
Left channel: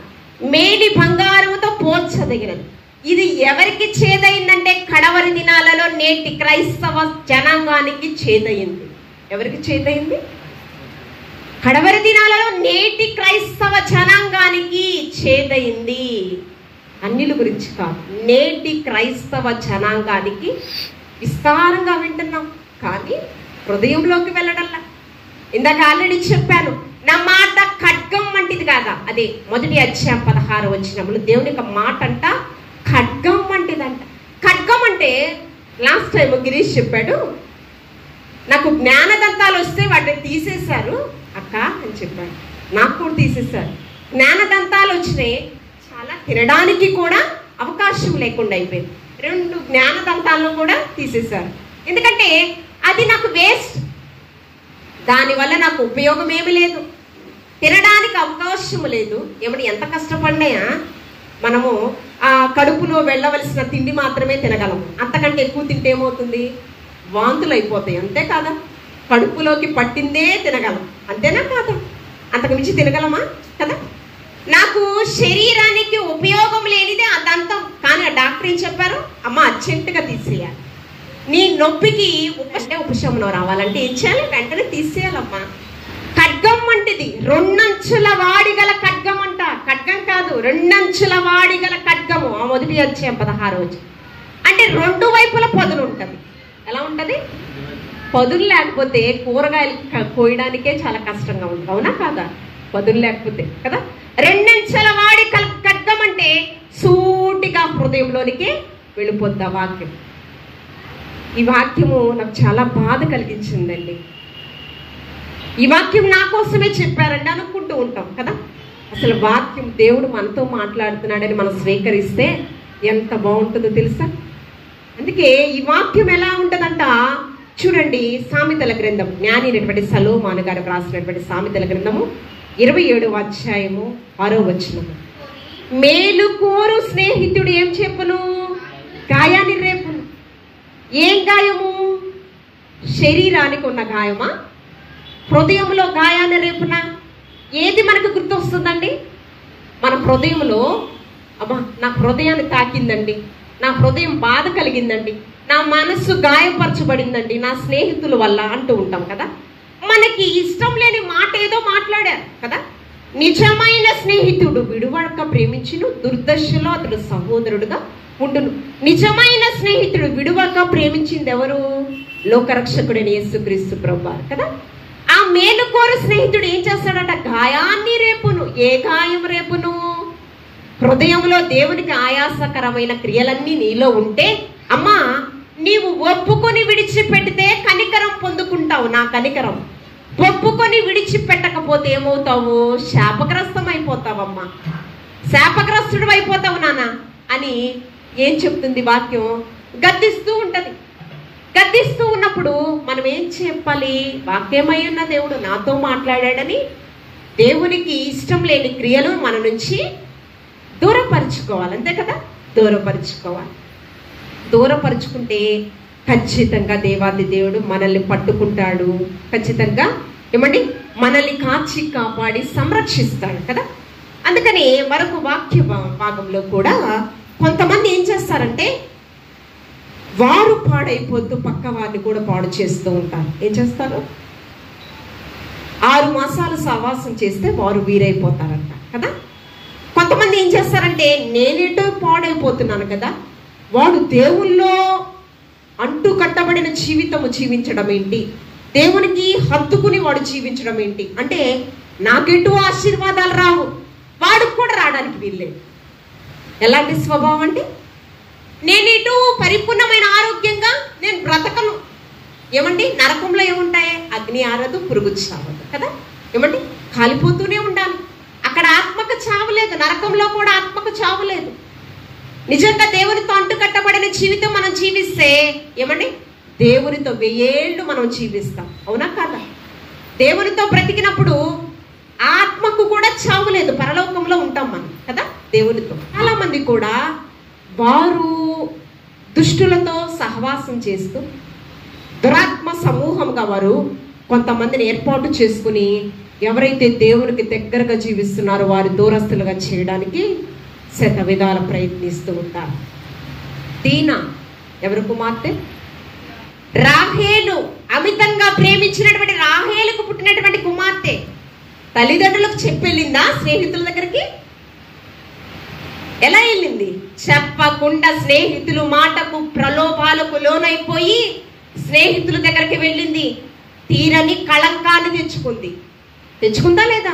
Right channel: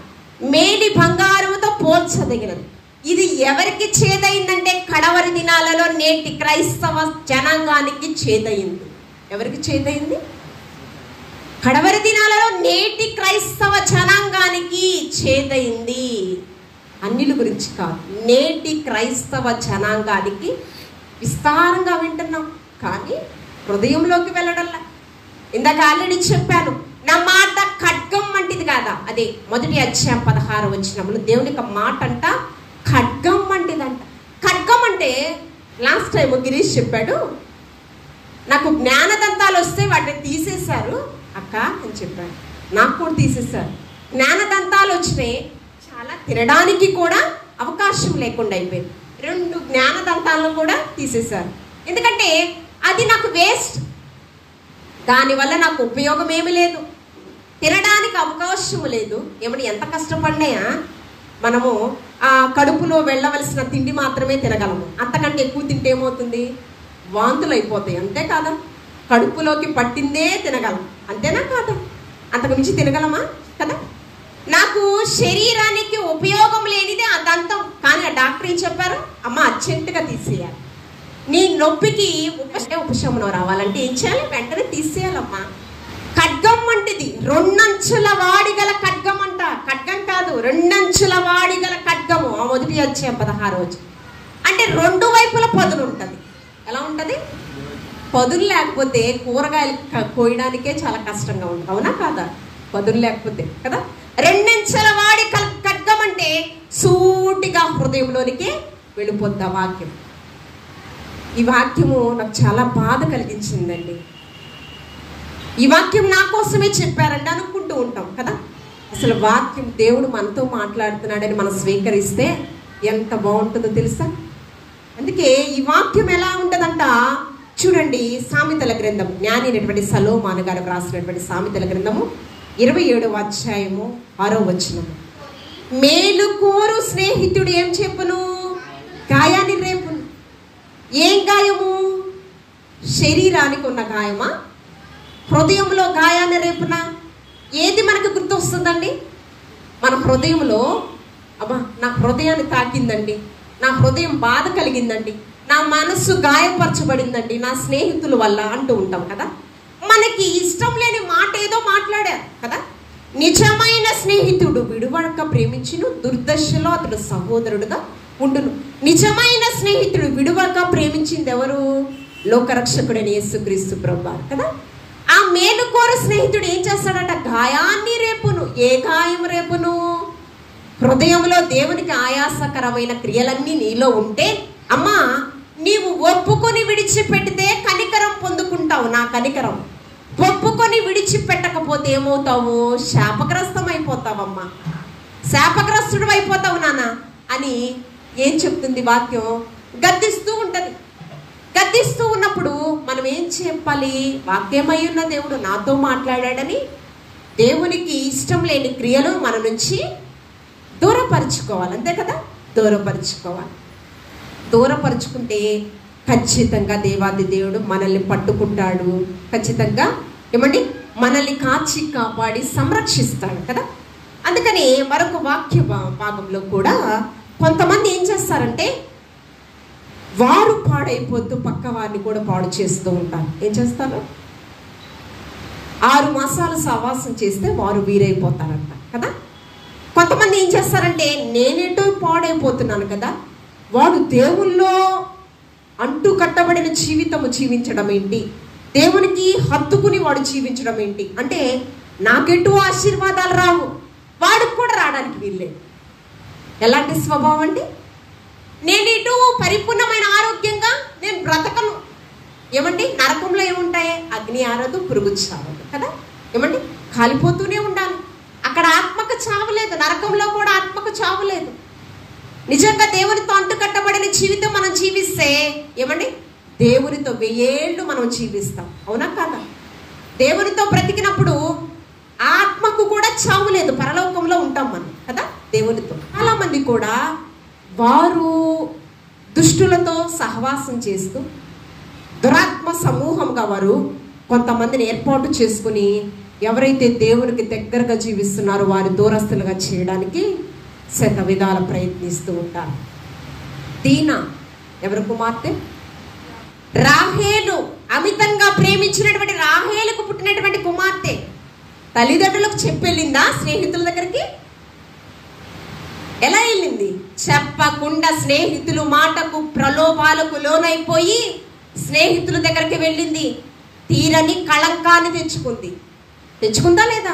మేలి బంగారంతో పోల్చదగినది. ఇది ఎవరికి చేదైందంటే కడవరి దినాలలో నేటి క్రైస్తవ జనాంగానికి చేదయింది. ఎవరికి చేదయింది? కడవరి దినాలలో నేటి క్రైస్తవ జనాంగానికి చేదయింది. అన్యుల గురించి కాదు, నేటి క్రైస్తవ జనాంగానికి విస్తారంగా వింటున్నాం, కానీ హృదయంలోకి వెళ్ళడంలా. ఇందాక ఆల్రెడీ చెప్పాను, నా మాట ఖడ్గం వంటిది కాదా. అదే 1 అధ్యాయం 16 వచనంలో దేవుని యొక్క మాట అంట ఖడ్గం వంటిదంట. ఖడ్గం అంటే లాస్ట్ టైం గిరీష్ చెప్పాడు, నాకు జ్ఞానదంతాలు వస్తే వాటిని తీసేశారు అక్క అని చెప్పాడు. నాకు కూడా తీసేశారు. జ్ఞానదంతాలు వచ్చినాయి, చాలా తినడానికి కూడా అవకాశం లేకుండా అయిపోయింది. 2 జ్ఞానదంతాలను కూడా తీసేశారు. ఎందుకంటే అది నాకు వేస్ట్, దానివల్ల నాకు ఉపయోగం ఏమీ లేదు, తినడానికి అవకాశం లేదు. ఏమని ఎంత కష్టపడినాయా మనము ఆ కడుపులో వెళ్ళవలసిన తిండి మాత్రమే తినగలము. అంతకంటే ఎక్కువ తింటే ఏమవుతుంది, వాంతులు అయిపోతాయి. అంతే కాదా? కడుపులోకి పట్టిందే తినగలం, అంతేనా కాదా? అంతకు మించి తినగలమా కదా? నాకు శరీరానికి ఉపయోగం లేనిదే అదంతం. కానీ ఆ డాక్టర్ ఏం చెప్పారు, అమ్మ అర్జెంటుగా తీసేయాలి, నీ నొప్పికి ఉపశమనం రావాలంటే ఏం చేయాలి, వెంటనే తీసేయాలమ్మా. ఖడ్గం వంటిది, 2 అంచుల వాడిగల ఖడ్గం అంట. ఖడ్గం కాదు, 2 అంచుల వాడిగల ఖడ్గము. 1 అధ్యాయం 16 అంటే 2 వైపుల పదును ఉంటది. ఎలా ఉంటది? పదులు లేకపోతే కూరగాయలు కోయడానికే చాలా కష్టంగా ఉంటుంది, అవునా కాదా? పదులు లేకపోతే కదా. 2 అంచుల వాడి ఖడ్గం అంటే సూటిగా హృదయంలోనికి వెళ్ళిపోద్ది ఆ వాక్యం. ఈ వాక్యము నాకు చాలా బాధ కలిగించిందండి. ఈ వాక్యం నా కోసమే చెప్పారండి అనుకుంటూ ఉంటాం కదా. అసలు వాక్యం దేవుడు మనతో మాట్లాడుతున్నాడని మనం స్వీకరిస్తే ఎంత బాగుంటుందో తెలుసా. అందుకే ఈ వాక్యం ఎలా ఉంటుందంట చూడండి. సామెతల గ్రంథం, జ్ఞాని అయినటువంటి సలోమాను గారు రాసినటువంటి సామెతల గ్రంథము 27వ అధ్యాయము 6వ వచనము. మేలు కోరు స్నేహితుడు ఏం చెప్పును, గాయాన్ని రేపును. ఏం గాయము? శరీరానికి ఉన్న గాయమా, హృదయంలో గాయాన్ని రేపునా? ఏది మనకు గుర్తు వస్తుందండి? మన హృదయంలో అబ్బా నా హృదయాన్ని తాకిందండి, నా హృదయం బాధ కలిగిందండి, నా మనస్సు గాయపరచబడిందండి నా స్నేహితుల వల్ల అంటూ ఉంటాం కదా. మనకి ఇష్టం లేని మాట ఏదో మాట్లాడారు కదా. నిజమైన స్నేహితుడు విడువడక ప్రేమించును, దుర్దశలో అతడు సహోదరుడుగా ఉండును. నిజమైన స్నేహితుడు విడువక ప్రేమించింది ఎవరు? లోకరక్షకుడైన యేసుక్రీస్తు ప్రభువారు కదా. ఆ మేలుకోర స్నేహితుడు ఏం చేస్తాడట? గాయాన్ని రేపును. ఏ గాయం రేపును? హృదయంలో దేవునికి ఆయాసకరమైన క్రియలన్నీ నీలో ఉంటే, అమ్మా నీవు ఒప్పుకొని విడిచిపెడితే కనికరం పొందుకుంటావు, నా కనికరం. ఒప్పుకొని విడిచిపెట్టకపోతే ఏమవుతావు? శాపగ్రస్తం అయిపోతావమ్మా, శాపగ్రస్తుడు అయిపోతావు నాన్న అని ఏం చెప్తుంది వాక్యం? గద్దిస్తూ ఉంటది. గద్దిస్తూ ఉన్నప్పుడు మనం ఏం చెప్పాలి? వాక్యమై ఉన్న దేవుడు నాతో మాట్లాడాడని దేవునికి ఇష్టం లేని క్రియలు మన నుంచి దూరపరుచుకోవాలి, అంతే కదా. దూరపరుచుకోవాలి. దూరపరుచుకుంటే ఖచ్చితంగా దేవాది దేవుడు మనల్ని పట్టుకుంటాడు, ఖచ్చితంగా ఏమండి మనల్ని కాచి కాపాడి సంరక్షిస్తాడు కదా. అందుకని మరొక వాక్య భాగంలో కూడా కొంతమంది ఏం చేస్తారంటే వారు పాడైపోతూ పక్క వారిని కూడా పాడు చేస్తూ ఉంటారు. ఏం చేస్తారు? 6 మాసాలు సహవాసం చేస్తే వారు వీరైపోతారంట కదా. కొంతమంది ఏం చేస్తారంటే నేనేటో పాడైపోతున్నాను కదా, వాడు దేవుల్లో అంటూ కట్టబడిన జీవితము జీవించడం ఏంటి, దేవునికి హత్తుకుని వాడు జీవించడం ఏంటి అంటే నాకెటూ ఆశీర్వాదాలు రావు, వాడికి కూడా రావడానికి వీల్లేదు. ఎలాంటి స్వభావం అండి? నేనేటూ పరిపూర్ణమైన ఆరోగ్యంగా నేను బ్రతకను. ఏమండి నరకంలో ఏముంటాయి? అగ్ని ఆరదు, పురుగు చావదు కదా. ఏమండి కాలిపోతూనే ఉండాలి. అక్కడ ఆత్మకు చావలేదు, నరకంలో కూడా ఆత్మకు చావలేదు. నిజంగా దేవునితో అంటుకట్టబడిన జీవితం మనం జీవిస్తే ఏమండి దేవునితో 1000 ఏళ్ళు మనం జీవిస్తాం, అవునా కాదా? దేవునితో బ్రతికినప్పుడు ఆత్మకు కూడా చావులేదు, పరలోకంలో ఉంటాం మనం కదా దేవునితో. చాలా మంది కూడా వారు దుష్టులతో సహవాసం చేస్తూ దురాత్మ సమూహంగా వారు కొంతమందిని ఏర్పాటు చేసుకుని ఎవరైతే దేవునికి దగ్గరగా జీవిస్తున్నారో వారి దూరస్తులుగా చేయడానికి శత విధాల ప్రయత్నిస్తూ ఉంటారు. దీనా ఎవరి కుమార్తె? రాహేలు, అమితంగా ప్రేమించినటువంటి రాహేలుకు పుట్టినటువంటి కుమార్తె తల్లిదండ్రులకు చెప్పెళ్ళిందా స్నేహితుల దగ్గరికి? ఎలా వెళ్ళింది? చెప్పకుండా స్నేహితులు మాటకు ప్రలోభాలకు లోనైపోయి స్నేహితుల దగ్గరికి వెళ్ళింది. తీరని కళంకాన్ని తెచ్చుకుందా లేదా?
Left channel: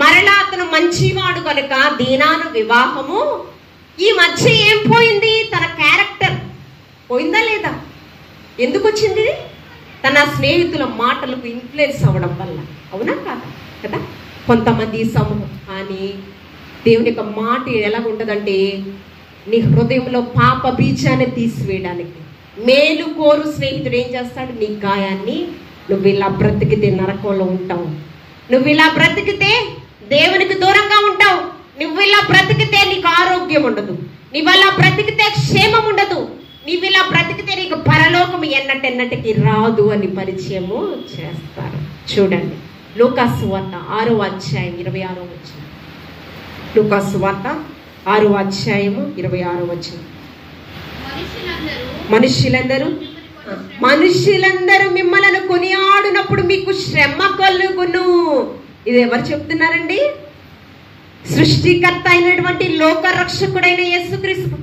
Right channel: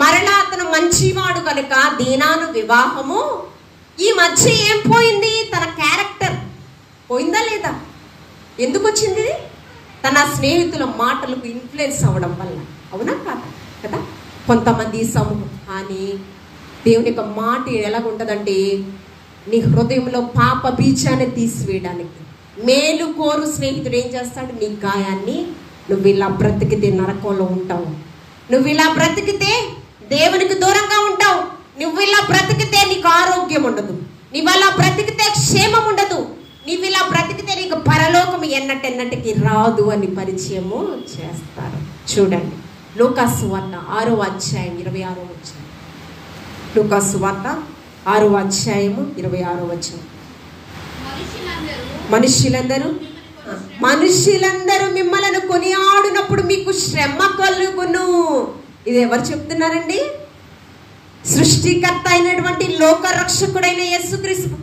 మరలా అతను మంచివాడు కనుక దీనాను వివాహము. ఈ మధ్య ఏం పోయింది? తన క్యారెక్టర్ పోయిందా లేదా? ఎందుకు వచ్చింది? తన స్నేహితుల మాటలకు ఇన్ఫ్లుయెన్స్ అవ్వడం వల్ల. అవునా కాదా? కదా. కొంతమంది సమూహం కానీ దేవుని యొక్క మాట ఎలాగుంటుందంటే, నీ హృదయంలో పాప బీజాన్ని తీసివేయడానికి మేలు కోరు స్నేహితుడు ఏం చేస్తాడు? నీ గాయాన్ని, నువ్వు ఇలా బ్రతికితే నరకంలో ఉంటావు, నువ్వు ఇలా బ్రతికితే దేవునికి దూరంగా ఉంటావు, నువ్వు ఇలా బ్రతికితే నీకు ఆరోగ్యం ఉండదు, నువ్వు అలా బ్రతికితే క్షేమం ఉండదు, నువ్వు ఇలా బ్రతికితే నీకు పరలోకం ఎన్నటెన్నటికి రాదు అని పరిచయము చేస్తారు. చూడండి, లూకాసు సువార్త 6వ అధ్యాయం 26వ వచనం. లూకాసు సువార్త 6వ అధ్యాయము 26వ వచనం. మనుషులందరూ మిమ్మల్ని కొనియాడినప్పుడు మీకు శ్రమ కలుగును. ఇది ఎవరు చెప్తున్నారండి? సృష్టికర్త అయినటువంటి లోక రక్షకుడైన యేసుక్రీస్తు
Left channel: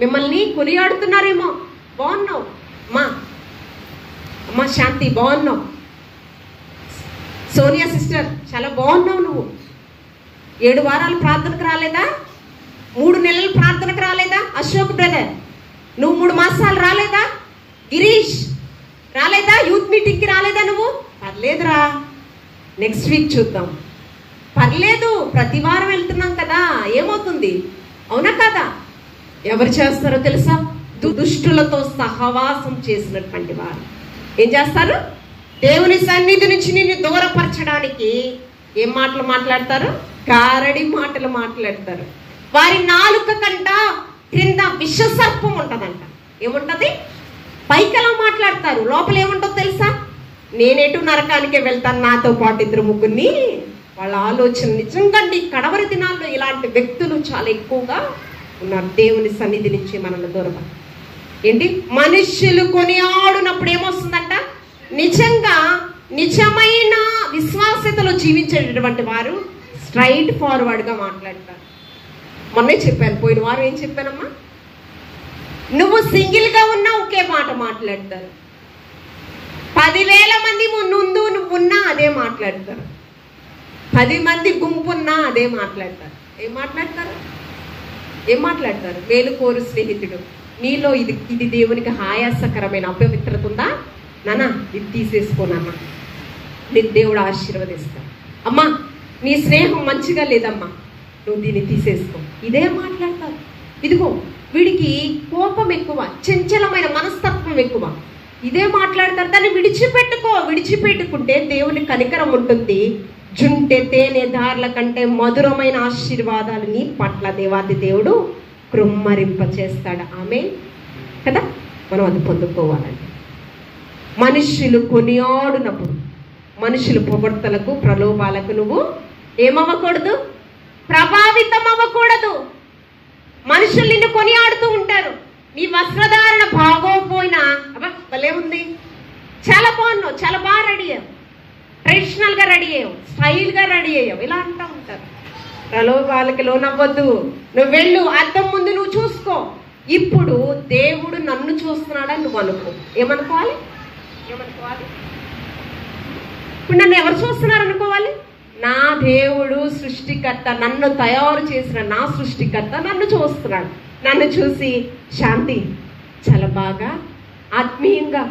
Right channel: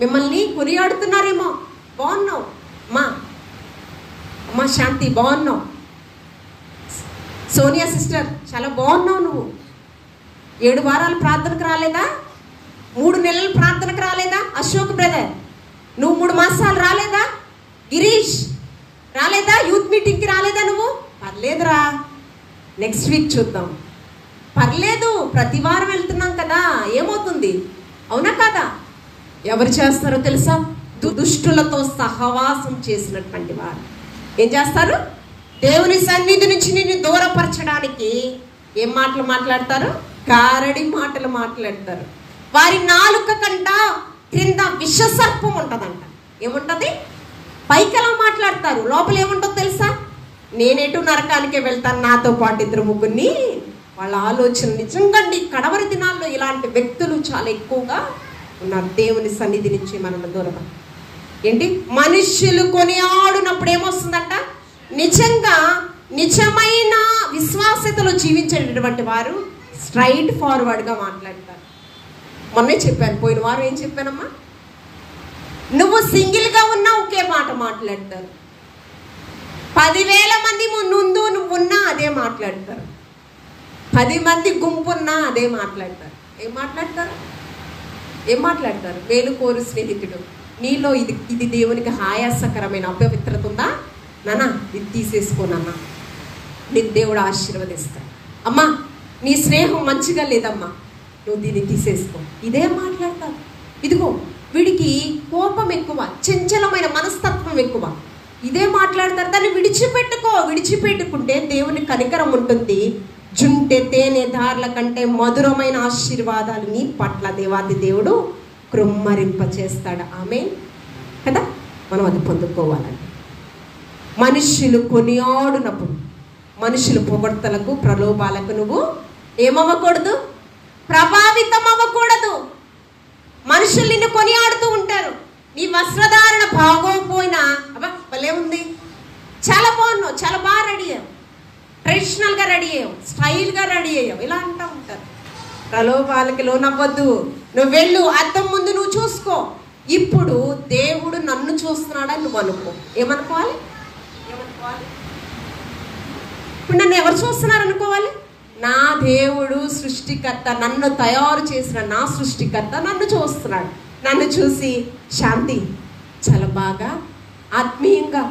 మిమ్మల్ని కొనియాడుతున్నారేమో. బాగున్నావు అమ్మా శాంతి, బాగున్నావు. సోనియా సిస్టర్ చాలా బాగున్నావు. నువ్వు 7 వారాలు ప్రార్థనకు రాలేదా? 3 నెలలు ప్రార్థనకు రాలేదా? అశోక్ బ్రదర్ నువ్వు 3 మాసాలు రాలేదా? గిరీష్ రాలేదా? యూత్ మీటింగ్కి రాలేదా? నువ్వు పర్లేదురా, నెక్స్ట్ వీక్ చూద్దాం. పర్లేదు, ప్రతి వారం వెళ్తున్నాం కదా, ఏమవుతుంది? అవునా కదా? ఎవరు చేస్తారో తెలుసా? దుష్టులతో సహవాసం చేసినటువంటి వారు ఏం చేస్తారు? దేవుని సన్నిధి నుంచి నిన్ను దూరపరచడానికి ఏం మాటలు మాట్లాడతారు? గారడి మాటలు మాట్లాడతారు. వారి నాలుక కంట క్రింద విషసర్పం ఉంటదంట. ఏముంటది? పైకలా మాట్లాడతారు, లోపల ఏముంటుందో తెలుసా? నేనేటు నరకానికే వెళ్తాను, నాతో పాటు 2-3 వాళ్ళ ఆలోచన. నిజంగా కడవరి దినాల్లో ఇలాంటి వ్యక్తులు చాలా ఎక్కువగా ఉన్నారు. దేవుని సన్నిధి నుంచి మనల్ని దూరం ఏంటి? మనుష్యులు కొనియాడినప్పుడు ఏమొస్తుందంట? నిజమైన విశ్వాసతలో జీవించేటటువంటి వారు స్ట్రైట్ ఫార్వర్డ్గా మాట్లాడతారు. మొన్నే చెప్పాను, పోయిన వారం ఏం చెప్పానమ్మా? నువ్వు సింగిల్గా ఉన్నా ఒకే మాట మాట్లాడతారు. 10,000 మంది ముందు నువ్వు ఉన్నా అదే మాట్లాడతారు. 10 మంది గుంపున్నా అదే మాట్లాడతారు. ఏం మాట్లాడతారు? మేలు కోరు స్నేహితుడు, నీలో ఇది దేవునికి ఆయాసకరమైన అపవిత్రత ఉందా నాన్న, ఇది తీసేసుకోనన్నా, నీకు దేవుడు ఆశీర్వదిస్తాడు. అమ్మా నీ స్నేహం మంచిగా లేదమ్మా, నువ్వు దీన్ని తీసేసుకో. ఇదే మాట్లాడతారు. ఇదిగో వీడికి కోపం ఎక్కువ, చంచలమైన మనస్తత్వం ఎక్కువ, ఇదే మాట్లాడతారు. దాన్ని విడిచిపెట్టుకుంటే దేవుని కనికరం ఉంటుంది. జుంటె తేనె దారుల కంటే మధురమైన ఆశీర్వాదాలు నీ పట్ల దేవాది దేవుడు కృమ్మరింప చేస్తాడు. ఆమె కదా, మనం అది పొందుకోవాలండి. మనుష్యులు కొనియాడినప్పుడు, మనుషుల పొగడ్తలకు ప్రలోభాలకు నువ్వు ఏమవ్వకూడదు? ప్రభావితం అవ్వకూడదు. మనుషులు నిన్ను కొనియాడుతూ ఉంటారు. నీ వస్త్రధారణ బాగోపోయినా అబ్బా భలే ఉంది, చాలా బాగున్నావు, చాలా బాగా రెడీ అయ్యావు, ట్రెడిషనల్గా రెడీ అయ్యావు, స్టైల్గా రెడీ అయ్యావు, ఇలా అంటూ ఉంటారు. ప్రలోభాలకి లోనవ్వద్దు. నువ్వు వెళ్ళు, అద్దం ముందు నువ్వు చూసుకో. ఇప్పుడు దేవుడు నన్ను చూస్తున్నాడని నువ్వు అనుకో. ఏమనుకోవాలి? ఇప్పుడు నన్ను ఎవరు చూస్తున్నారు అనుకోవాలి? నా దేవుడు సృష్టికర్త, నన్ను తయారు చేసిన నా సృష్టికర్త నన్ను చూస్తున్నాడు. నన్ను చూసి శాంతి చాలా బాగా ఆత్మీయంగా,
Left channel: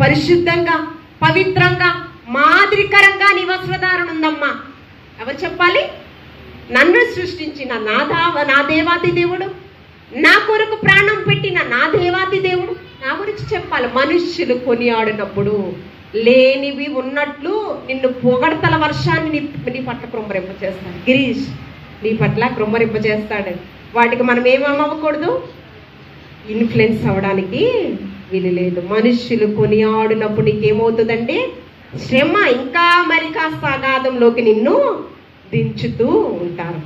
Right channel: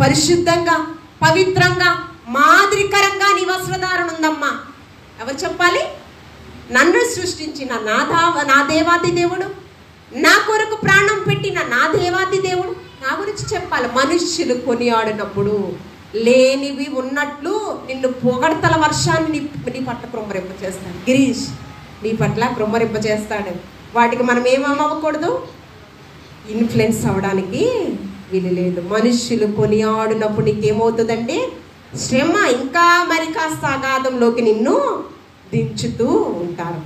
పరిశుద్ధంగా, పవిత్రంగా, మాదిరికరంగా నీ వస్త్రధారణ ఉందమ్మా. ఎవరు చెప్పాలి? నన్ను సృష్టించిన నా దేవాతి దేవుడు, నా కొరకు ప్రాణం పెట్టిన నా దేవాతి దేవుడు నా గురించి చెప్పాలి. మనుష్యులు కొనియాడినప్పుడు లేనివి ఉన్నట్లు నిన్ను పొగడ్తల వర్షాన్ని నీ పట్ల కృమ్మరింప చేస్తాడు. గిరీష్ నీ పట్ల కృమ్మరింప చేస్తాడు. వాటికి మనం ఏమవ్వకూడదు? ఇన్ఫ్లుయెన్స్ అవ్వడానికి వీలు లేదు. మనుష్యులు కొనియాడినప్పుడు నీకేమవుతుందంటే శ్రమ ఇంకా మరి కాస్త అగాధంలోకి నిన్ను దించుతూ ఉంటారు.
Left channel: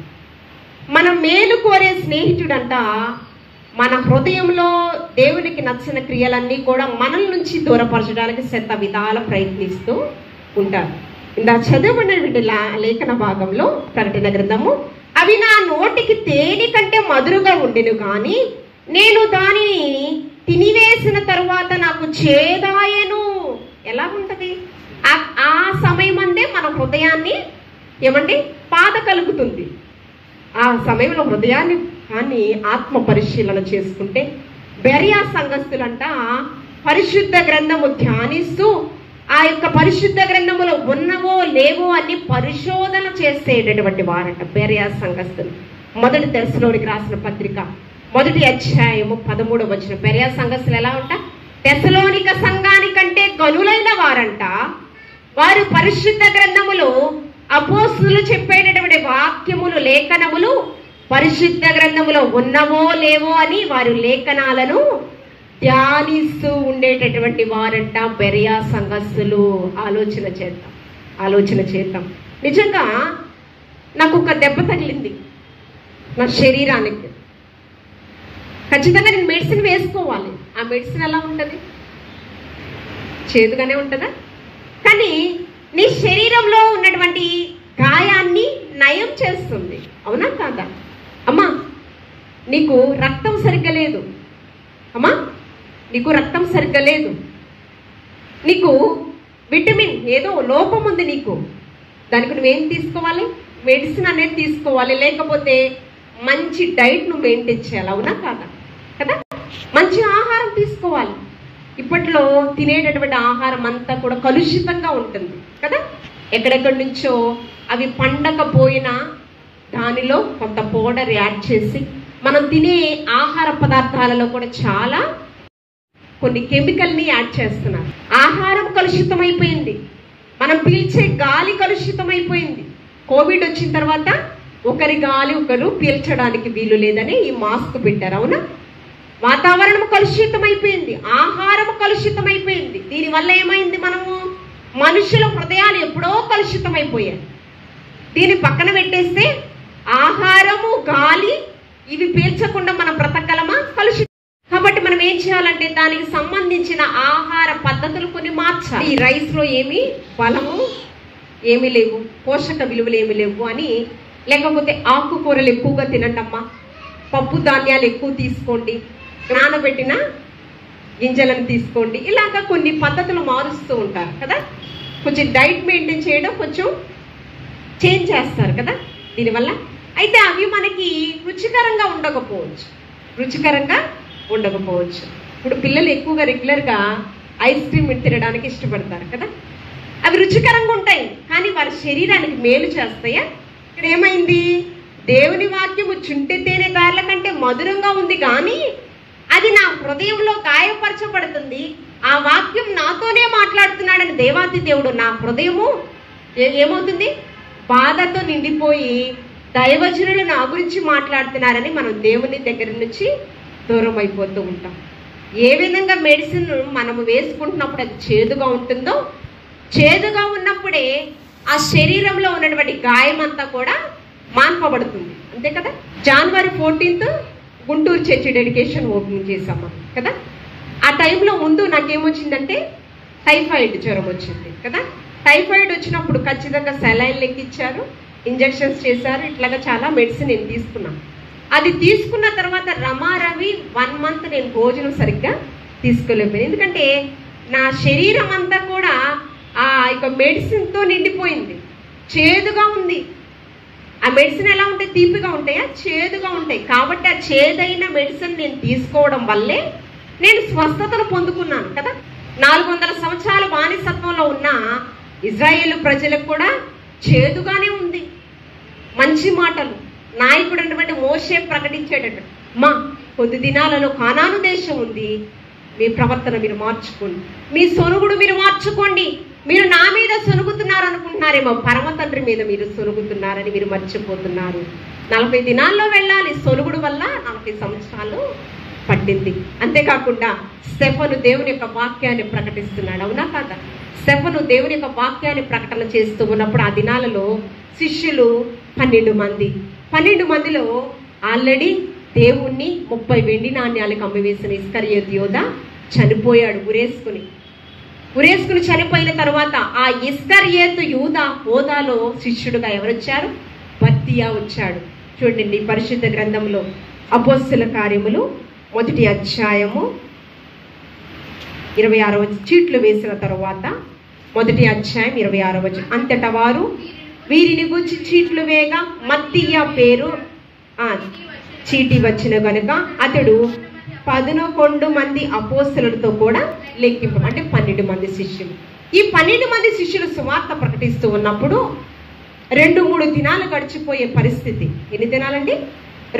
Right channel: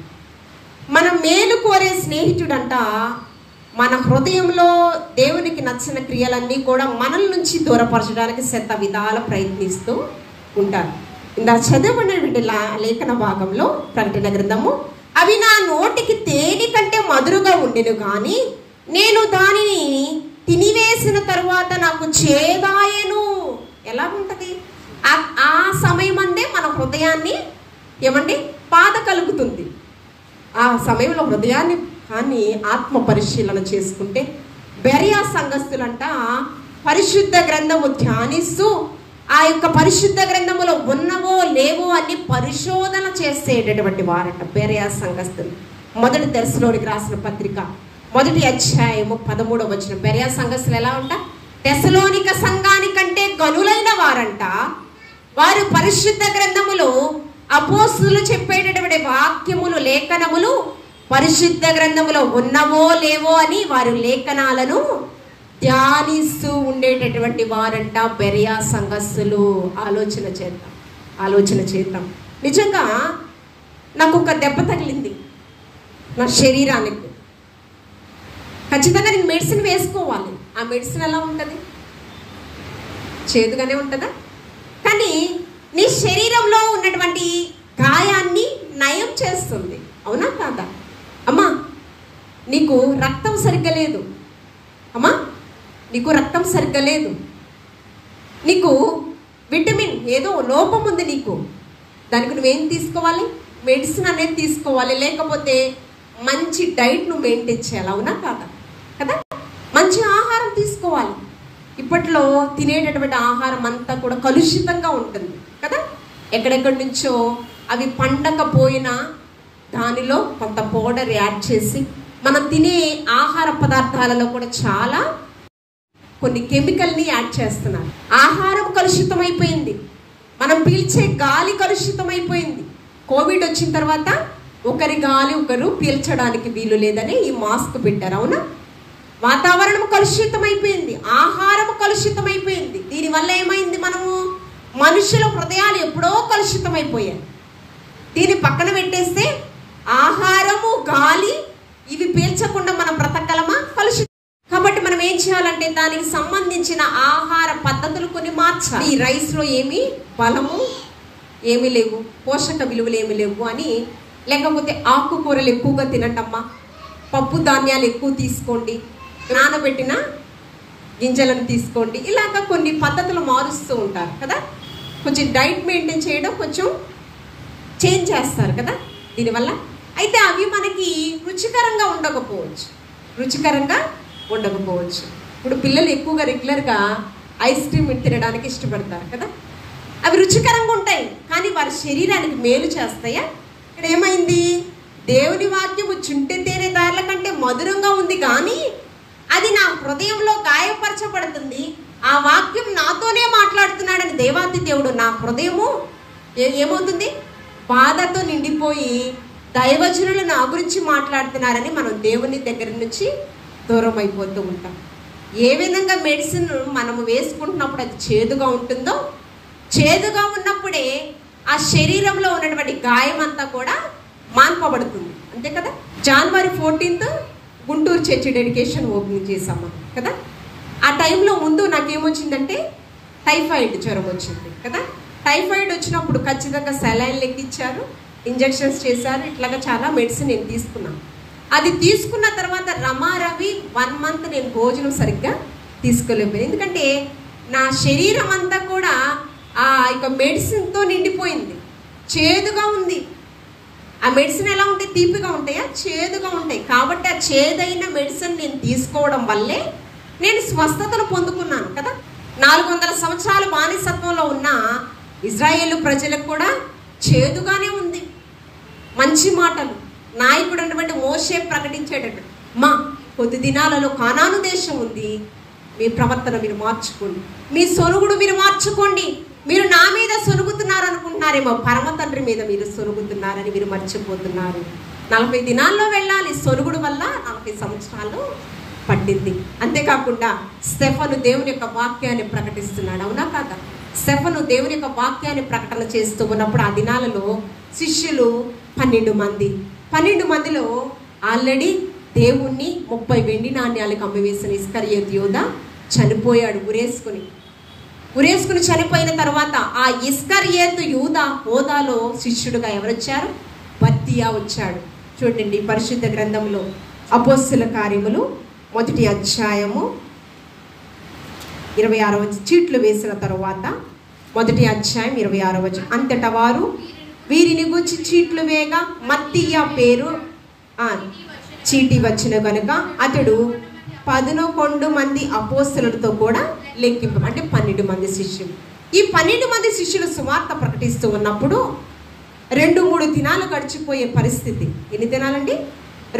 మనం మేలు కోరే స్నేహితుడంట మన హృదయంలో దేవునికి నచ్చిన క్రియలన్నీ కూడా మనల నుంచి దూరపరచడానికి శత విధాల ప్రయత్నిస్తూ ఉంటారు. ఇందాక చదవబడినటువంటి లేఖన భాగంలో ప్రకటన గ్రంథము అవి నా నోటికి తేనె కంటే మధురుగా ఉండిను కానీ నేను దానిని తినివేసిన తరువాత నాకు చేదాయను. ఎలా ఉంటది? ఆ సమయం అందే మన హృదయాన్ని ఏమండి బాధ కలుగుతుంది. ఆ సమయంలో హృదయాన్ని కానీ ఆత్మ పరిశీలన చేసుకుంటే బెరియా సంఘస్థులంట పరిశుద్ధ గ్రంథము ధ్యానిస్తూ ఆ యొక్క పరిశుద్ధ గ్రంథములో ఉన్నవో లేవో అని పరిశోధన చేసేటటువంటి వారంట బెరియా సంఘస్థులు. మొదటి తెస్సలోనికి రాసిన పత్రిక 1వ అధ్యాయము 13వ వచనం. బెరియా సంఘస్థులు ఎలా ఉంటా? తెస్సలోనిక సంఘానికంటే గనులైన వారంట. వారు పరిశుద్ధ గ్రంథములు అపోస్తులు చెప్పేటటువంటి వాక్యములు లేఖనములు పరిశుద్ధ గ్రంథములో ఉన్నవో లేవో అని వారు లేఖనాలను ధ్యానిస్తూ ఉండేటటువంటి వారంట బెరియా సంఘస్థులు. ఆలోచన చేద్దాం. నిజంగా నాకు ఒక దెబ్బ తగిలింది నా శరీరానికి. ఖచ్చితంగా నేను మెడిసిన్ వేసుకోవాలి. ఆ మెడిసిన్ ఎలా ఉంటుంది? చేదుగానే ఉంటుందా? కానీ నీ శరీరంలో ఉన్నటువంటి గాయాన్ని నయం చేస్తుంది. అవునా కాదా? అమ్మా నీకు రక్తం సరిగ్గా లేదు, అమ్మా నీకు రక్తం సరిగ్గా లేదు, నీకు విటమిన్ ఏదో లోపం ఉంది నీకు, దానికి నువ్వేం తీసుకోవాలి? మెడిసిన్ అనేది తీసుకోవాలి. లేకపోతే మంచి డైట్ నువ్వు మెయింటైన్ చేయాలి. అవునా కాదా? కదా, మంచి ఆహారం తీసుకోవాలి. ఇప్పట్లో తినేటటువంటి ఆహారం అంతా కూడా కలుషితంగా ఉంటుంది కదా. ఎక్కడెక్కడి నుంచో అవి పండకపోయినా దానిలో కొంత పౌడర్ యాడ్ చేసి మనం తినే ఆహార పదార్థాలలో కూడా చాలా కొన్ని కెమికల్ని యాడ్ చేస్తున్నారు. ఆహారం కలుషితమైపోయింది, మనం పీల్చే గాలి కలుషితమైపోయింది. కోవిడ్ వచ్చిన తర్వాత ఒకరి గాలి ఒకరు పీల్చడానికి వీలు లేదని ఈ మాస్క్ పెట్టారు. అవునా? వాతావరణం కలుషితమైపోయింది, ఆహారం కలుషితమైపోయింది. దీనివల్ల ఏమైంది? మనము మనుషుల హృదయాలు ఎప్పుడో కలుషితమైపోయాయి. దీన్ని పక్కన పెట్టేస్తే ఆహారము గాలి ఇవి పీల్చకుండా మనం బ్రతకగలమా? కలుషితం. కాబట్టి మనం ఏం చేయాలంటే దానికి సంబంధించిన ఆహార పద్ధతులు కొన్ని మార్చాలి. ఈ రైస్ లో ఏమి బలము ఏమి లేవు, పోషక విలువలు ఏమి లేవు అని, లేకపోతే ఆకుకూరలు ఎక్కువగా తినండమ్మా, పప్పు ధాన్యాలు ఎక్కువ తీసుకోండి, నానబెట్టిన గింజలను తీసుకోండి, ఇలాగా కొన్ని పద్ధతులు మారుస్తూ ఉంటారు కదా. కొంచెం డైట్ మెయింటైన్ చేయడం కొంచెం చేంజ్ చేస్తారు కదా దీనివల్ల. అయితే అవి మనకి రుచికరంగా ఉండకపోవచ్చు. ఇప్పుడు పిల్లలు ఎక్కువగా రెగ్యులర్గా ఐస్ క్రీమ్ తినడానికి ఇష్టపడతారు కదా. అవి రుచికరంగా ఉంటాయి కానీ వారి శరీరానికి మేలు చేస్తాయా? ఇక్కడ ఏమైంది? దేవుని వాక్యము చుంటి తేనె దారుల కంటే మధురంగా ఉంది కానీ అది నా హృదయంలో గాయపరచబడుతుంది. ఆ వాక్యం నాతోనే మాట్లాడుతున్నాడని దేవాతి దేవుడు నా హృదయము ఏమవుతుంది? బాధతో నిండిపోయి దైవజనులు నా గురించి మాట్లాడుతున్నారని మనం దేవుని దగ్గర నుంచి దూరం అయిపోతూ ఉంటాం. ఏ విధంగా మెడిసిన్ మనము వేసుకుంటున్నప్పుడు అది చేదుగా ఉంటుందో, చేదుగా ఉన్నప్పుడే ఆ శరీరంలో ఉన్నటువంటి గాయం అంతా కూడా మాన్పబడుతుంది. అంతే కదా. జనవరి 14th Guntur church dedication opening చేశాము కదా. ఆ టైంలో ముందు నాకేమొచ్చిందంటే టైఫాయిడ్ జ్వరం వచ్చింది కదా. టైఫాయిడ్ వచ్చినప్పుడు ఖచ్చితంగా సెలైన్లు ఎక్కించారు, ఇంజెక్షన్స్ చేశారు, ఇట్లాగా చాలా మెడిసిన్ నేను తీసుకున్నాను. అది తీసుకున్న తర్వాత రమారవి 1 month నేను భోజనం సరిగ్గా తీసుకోలేకపోయాను. ఎందుకంటే నా శరీరం అంతా కూడా ఆ యొక్క మెడిసిన్తో నిండిపోయింది, చేదుగా ఉంది. ఆ మెడిసిన్ ఎలా ఉంటాయి? తీపిగా ఉంటాయా? చేదుగా ఉంటాయి. కాబట్టి ఆ చేదైన మెడిసిన్ నేను తీసుకోవడం వల్లే నేను స్వస్థతను పొందుకున్నాను కదా. 400 సంవత్సరాల బానిసత్వంలో ఉన్న ఇజ్రాయేలు ప్రజలకు కూడా చేదుగానే ఉంది. మంచి మాటలు నాయకుడు అన్నటువంటి మోషే ప్రకటించేటట్టు, మా కొద్ది దినాలలో కానాను దేశం ఉంది, మీ ప్రవర్తన మీరు మార్చుకోండి, మీ సొనుగుడు మీరు మార్చుకోండి. మీరు నా మీద సొనుగుతున్నారు అనుకుంటున్నారేమో, పరమ తండ్రి మీద మీరు సొనుగుతున్నారని మీరు మర్చిపోతున్నారు. 40 దినాల్లో వెళ్ళాలి. సొనుగుడు వల్ల 40 సంవత్సరాలు పట్టింది. అంతేకాకుండా స్టెఫను దేవుని యొక్క వాక్యాన్ని ప్రకటిస్తున్నాడు. అవునా కాదా? స్టెఫను దేవుని యొక్క వాక్యాన్ని ప్రకటన చేస్తూ ఉన్నప్పుడు ఆ దినాలలో శిష్యులు 12 మంది. 12 మందిలో ఆల్రెడీ దేవుణ్ణి 30 వెండి నాణ్యాలకు అమ్మివేసిన ఇస్కరియోతు యోధా చనిపోయాడు. ఉరేసుకుని చనిపోయిన తర్వాత ఆ ఇస్కరియోతు యూదా హోదాలో శిష్యుడుగా ఎవరొచ్చారు? బర్తియా వచ్చాడు. చూడండి పరిశుద్ధ గ్రంథంలో అపోస్తల కార్యములు 1వ అధ్యాయము 26వ చీట్లు వేసిన తరువాత 1వ అధ్యాయం 26వ వచనం. అంతటా వారు వీరిని గురించి చీట్లు వేగా మత్తీయ పేరు చీటి వచ్చిన కనుక అతడు 11 మంది అపోస్తలులతో కూడా లెక్కింప, అంటే 12 మంది శిష్యులు. ఈ 12 మంది శిష్యులు సువార్త ప్రకటిస్తూ ఉన్నప్పుడు 2-3 దినాలు గడిచిపోయే పరిస్థితి. ఎన్ని దినాలండి?